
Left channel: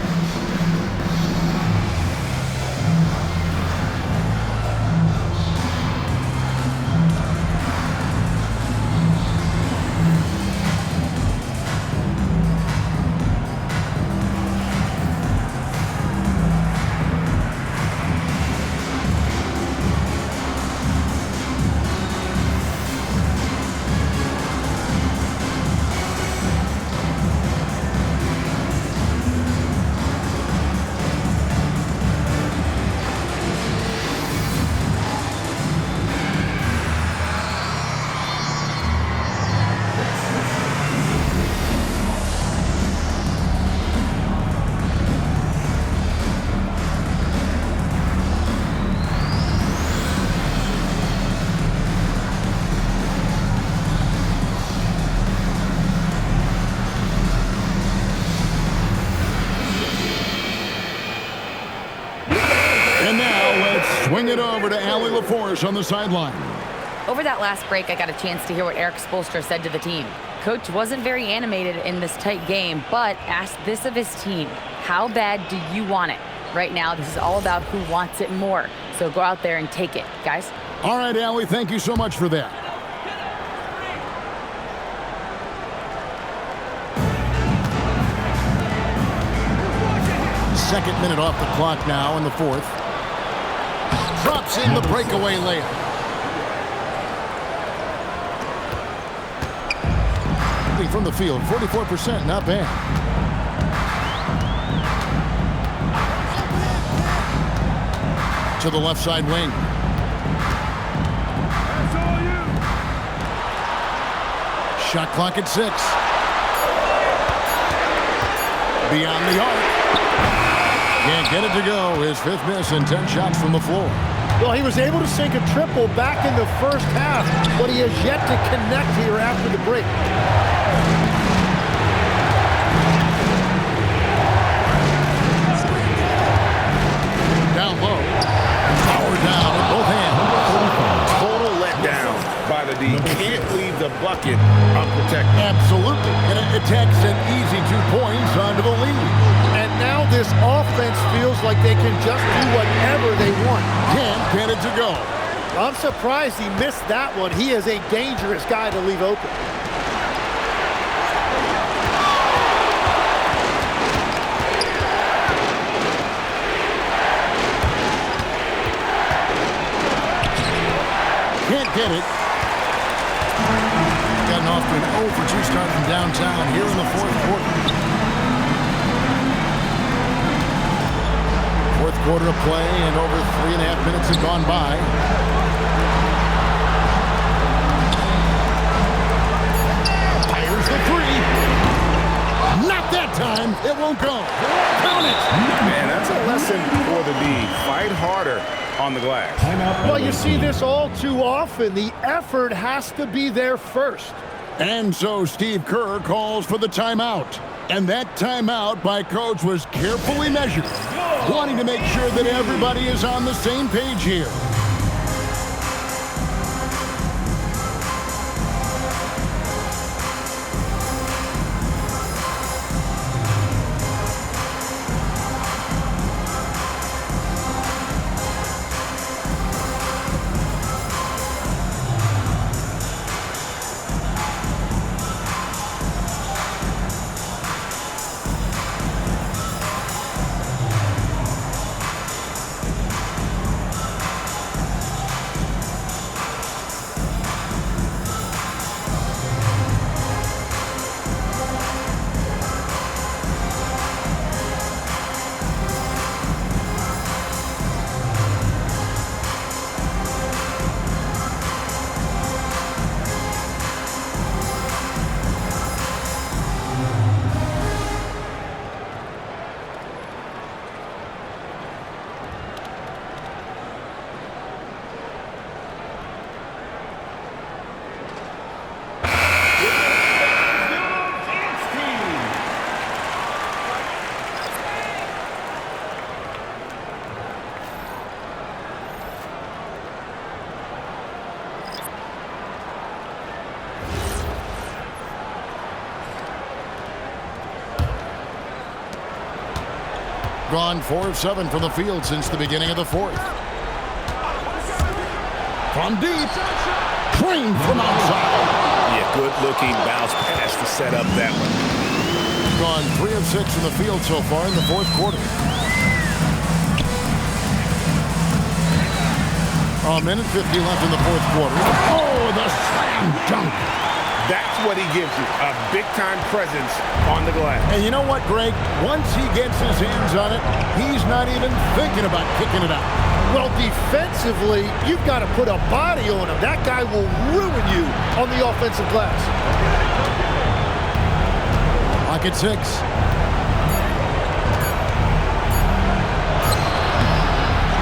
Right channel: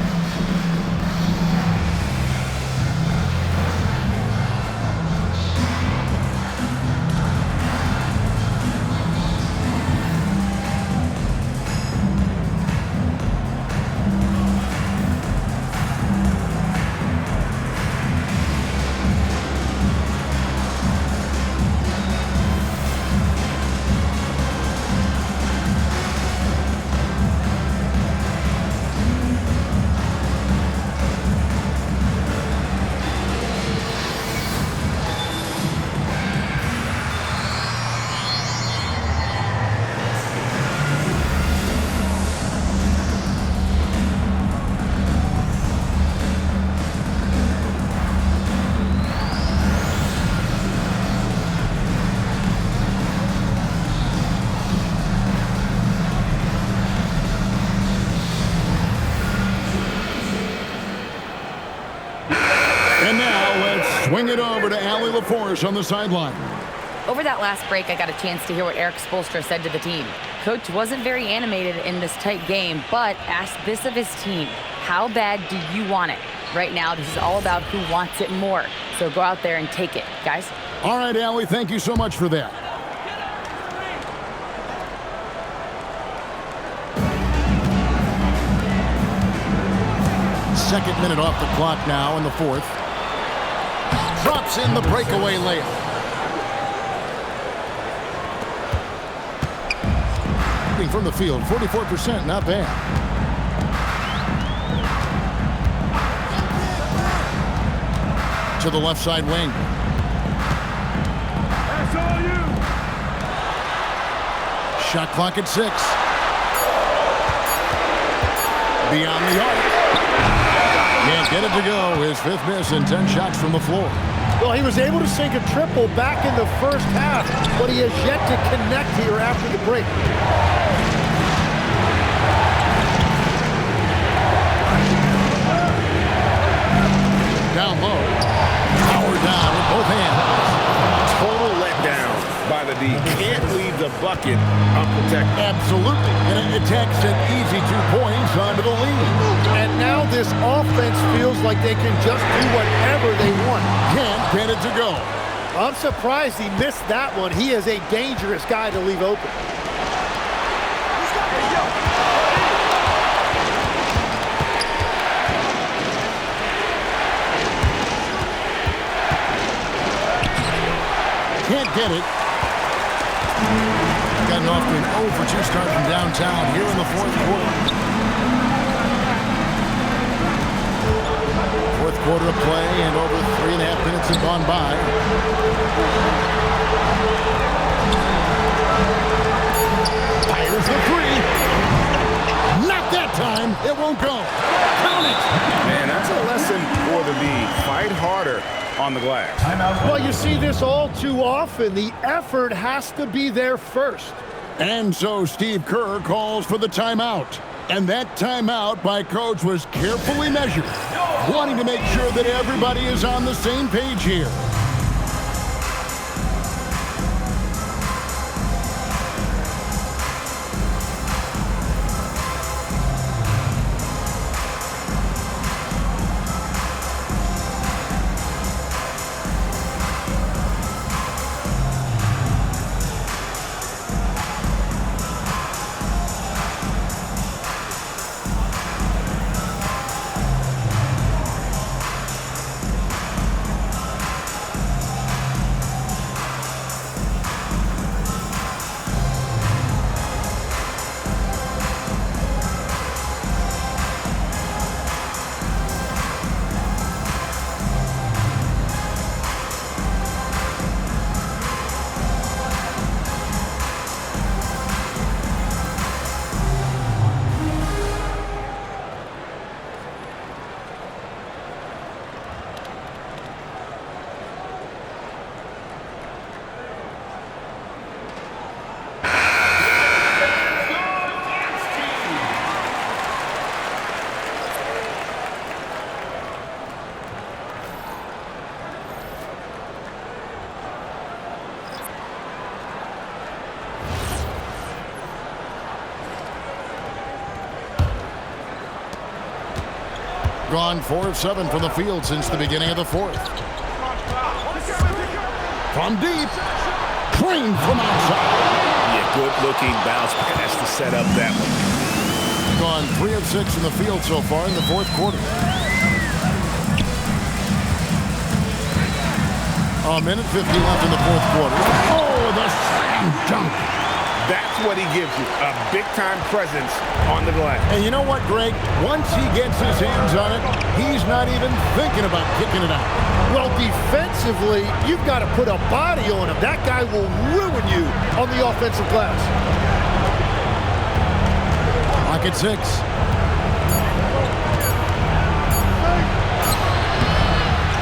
And now let's swing it over to Allie LaForce on the sideline. Over that last break, I got a chance to hear what Eric Spoelstra said to the team. Coach wasn't very animated in this tight game, but asked this of his team: how bad do you want it? Right now, this is all about who wants it more. So go out there and take it, guys. All right, Allie, thank you so much for that. Second minute off the clock now in the fourth. Drops in the breakaway layup. From the field, 44%, not bad. To the left side wing. That's all you. Shot clock at 6. Beyond the arc. Can't get it to go. His 5th miss and 10 shots from the floor. Well, he was able to sink a triple back in the first half, but he has yet to connect here after the break. Down low. Power down with both hands. Total letdown by the D. Can't leave the bucket unprotected. Absolutely. And it takes an easy 2 points onto the lead. And now this offense feels like they can just do whatever they want. Can't get it to go. I'm surprised he missed that one. He is a dangerous guy to leave open. Can't get it. Gotten off to an 0 for 2 start from downtown here in the fourth quarter. Fourth quarter of play, and over 3.5 minutes have gone by. Fires the 3. Not that time. It won't go. Count it. Man, that's a lesson for the D. Fight harder on the glass. Well, you see this all too often. The effort has to be there first. And so Steve Kerr calls for the timeout. And that timeout by Coach was carefully measured, wanting to make sure that everybody is on the same page here. Gone 4 of 7 from the field since the beginning of the fourth. From deep, trained from outside. Yeah, good-looking bounce pass to set up that one. Gone 3 of 6 from the field so far in the fourth quarter. A minute 50 left in the fourth quarter. Oh, the slam dunk. That's what he gives you, a big-time presence on the glass. And you know what, Greg? Once he gets his hands on it, he's not even thinking about kicking it out. Well, defensively, you've got to put a body on him. That guy will ruin you on the offensive glass. Clock at 6.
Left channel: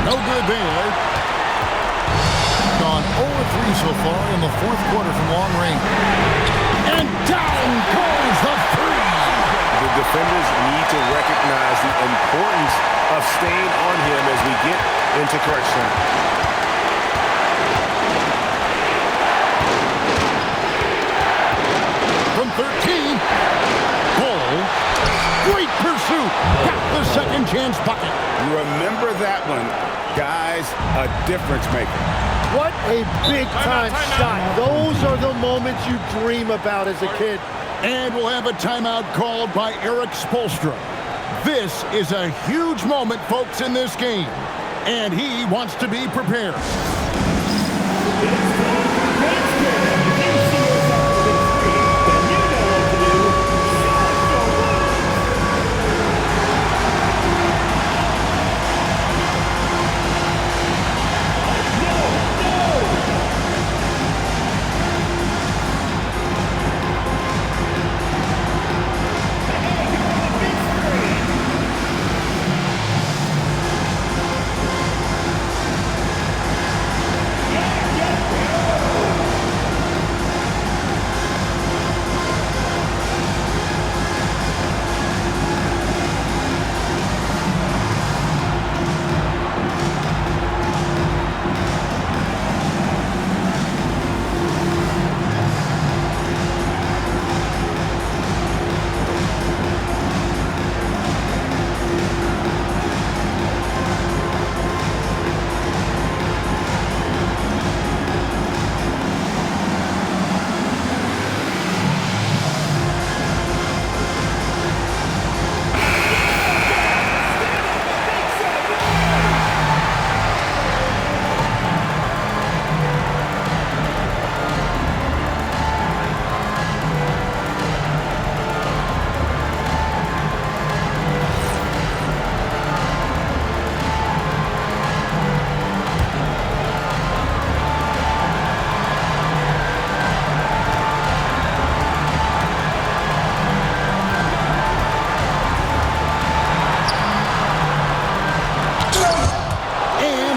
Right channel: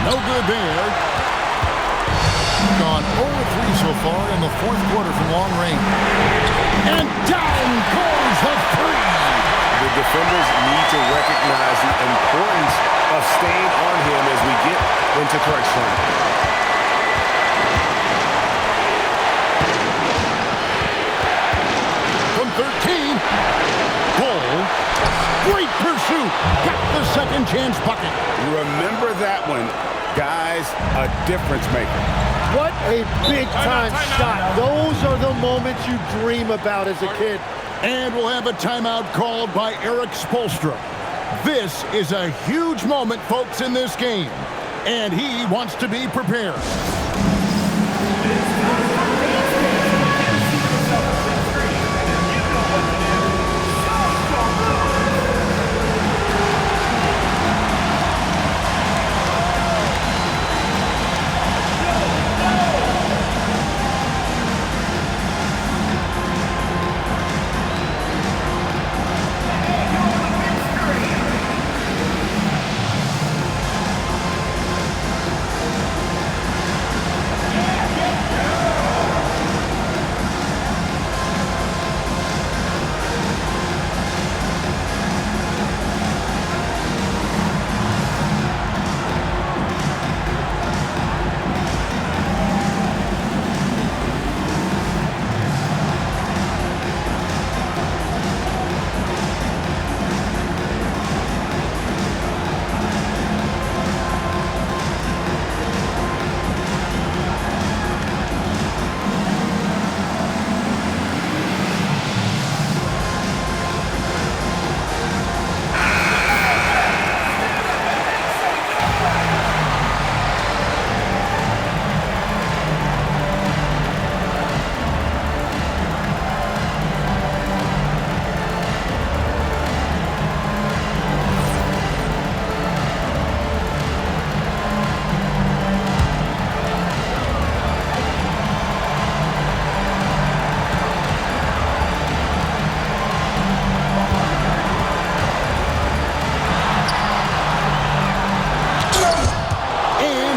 No good there. Gone 0-3 so far in the fourth quarter from long range. And down goes the 3. The defenders need to recognize the importance of staying on him as we get into crunch time. From 13, Bull, great pursuit, got the second chance bucket. Remember that one, guys, a difference maker. What a big-time shot. Those are the moments you dream about as a kid. And we'll have a timeout called by Erik Spoelstra. This is a huge moment, folks, in this game, and he wants to be prepared.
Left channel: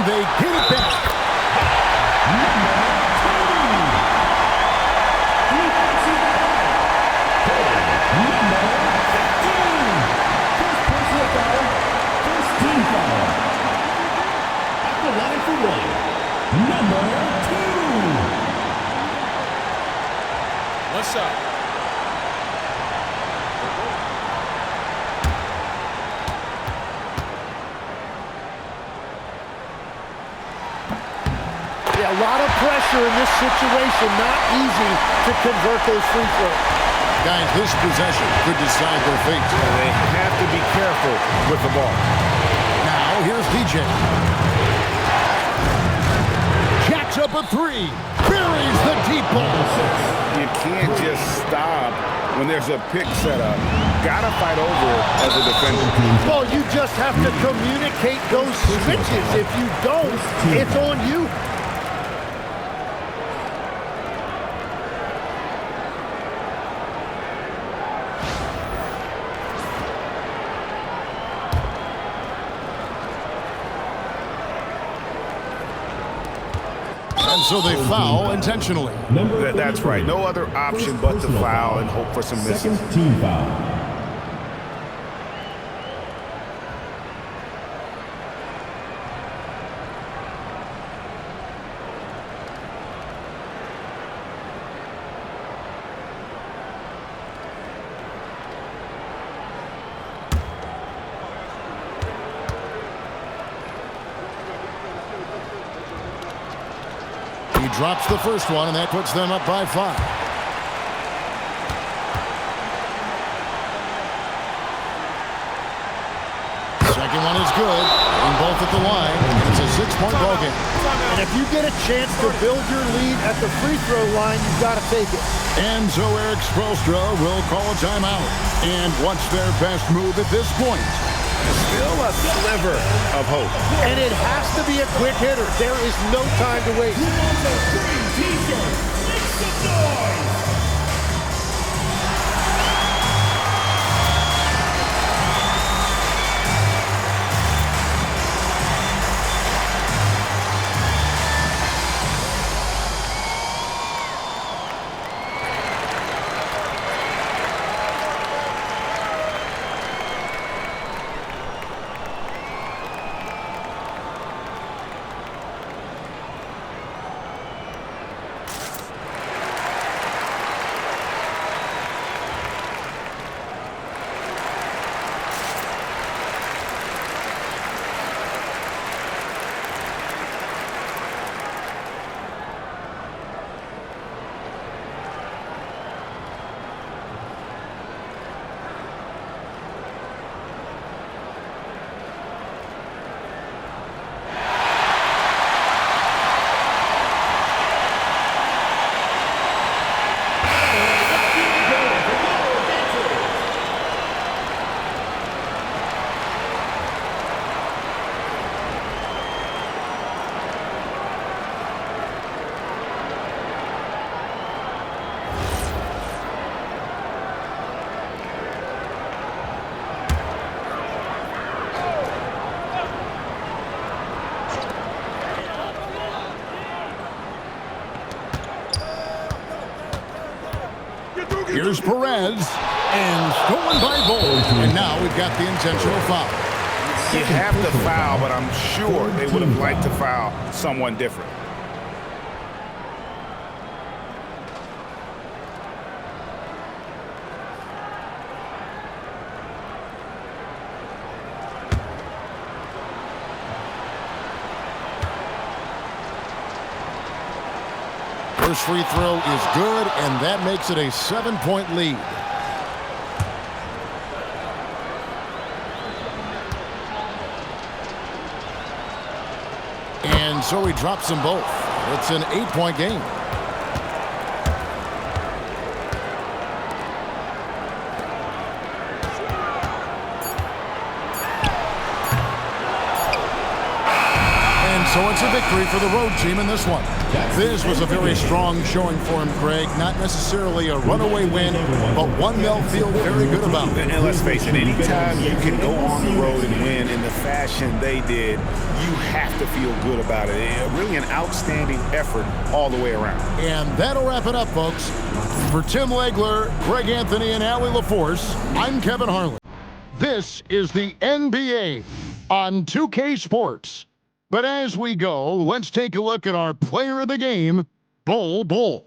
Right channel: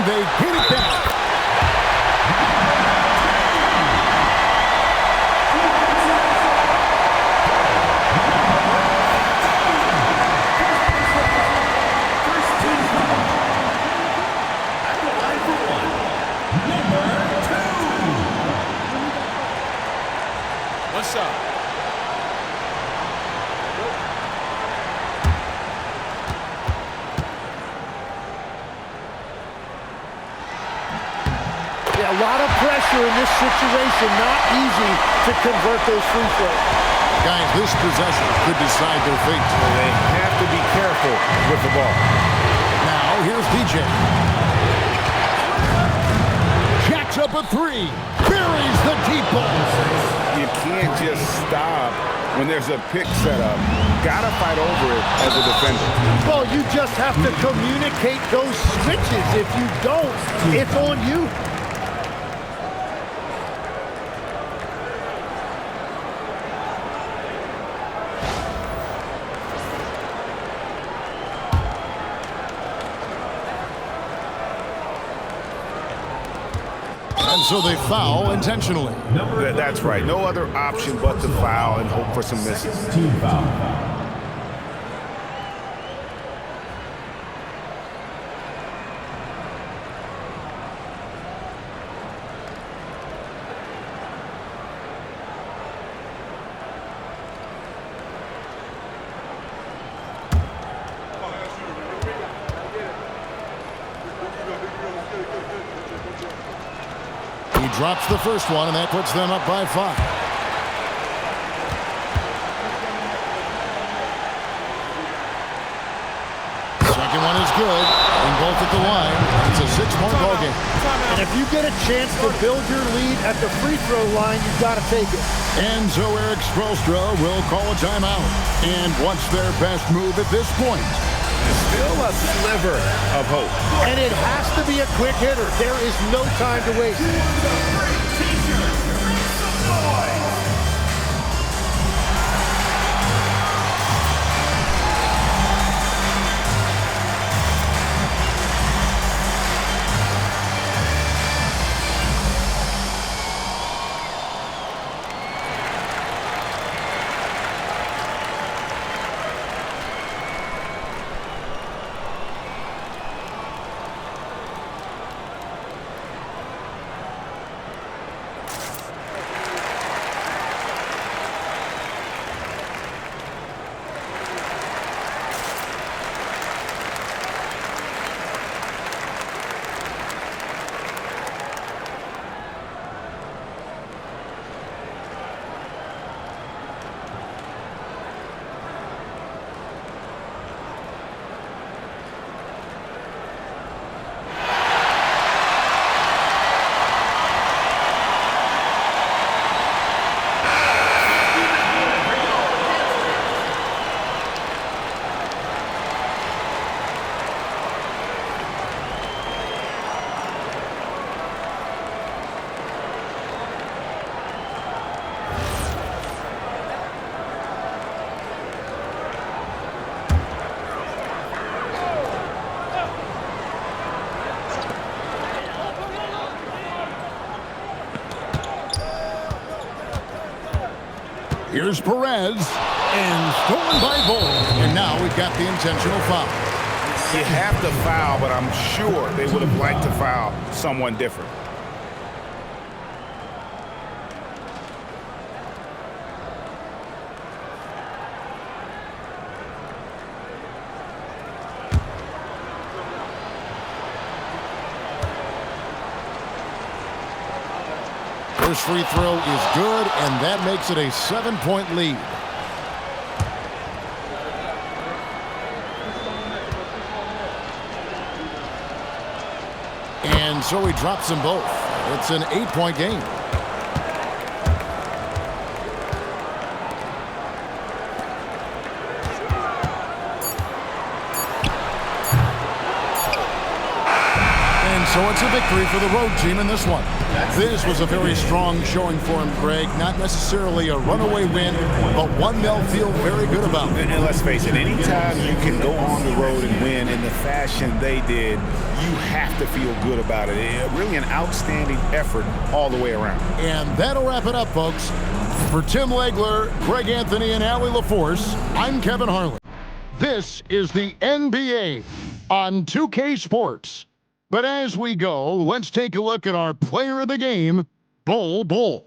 They get it back. First team foul. At the line for one, number 2. One shot. Yeah, a lot of pressure in this situation. Not easy to convert those free throws. Guys, this possession could decide their fate. They have to be careful with the ball. Now, here's DJ. Jacks up a three. Buries the deep ball. You can't just stop when there's a pick set up. Gotta fight over it as a defender. Well, you just have to communicate those switches. If you don't, it's on you. And so they foul intentionally. That's right. No other option but to foul and hope for some misses. Team foul. He drops the first one, and that puts them up by 5. Second one is good. Getting both at the line, and it's a 6-point ball game. And if you get a chance to build your lead at the free throw line, you've got to take it. And so Erik Spoelstra will call a timeout. And what's their best move at this point? Still a sliver of hope. And it has to be a quick hitter. There is no time to waste. Here's Perez, and stolen by Bull. And now we've got the intentional foul. You have to foul, but I'm sure they would have liked to foul someone different. First free throw is good, and that makes it a 7-point lead. And so he drops them both. It's an 8-point game. And so it's a victory for the road team in this one. This was a very strong showing for him, Greg. Not necessarily a runaway win, but one they'll feel very good about. And let's face it, anytime you can go on the road and win in the fashion they did, you have to feel good about it. Really an outstanding effort all the way around. And that'll wrap it up, folks. For Tim Legler, Greg Anthony, and Allie LaForce, I'm Kevin Harlan. This is the NBA on 2K Sports. But as we go, let's take a look at our player of the game, Bull Bull.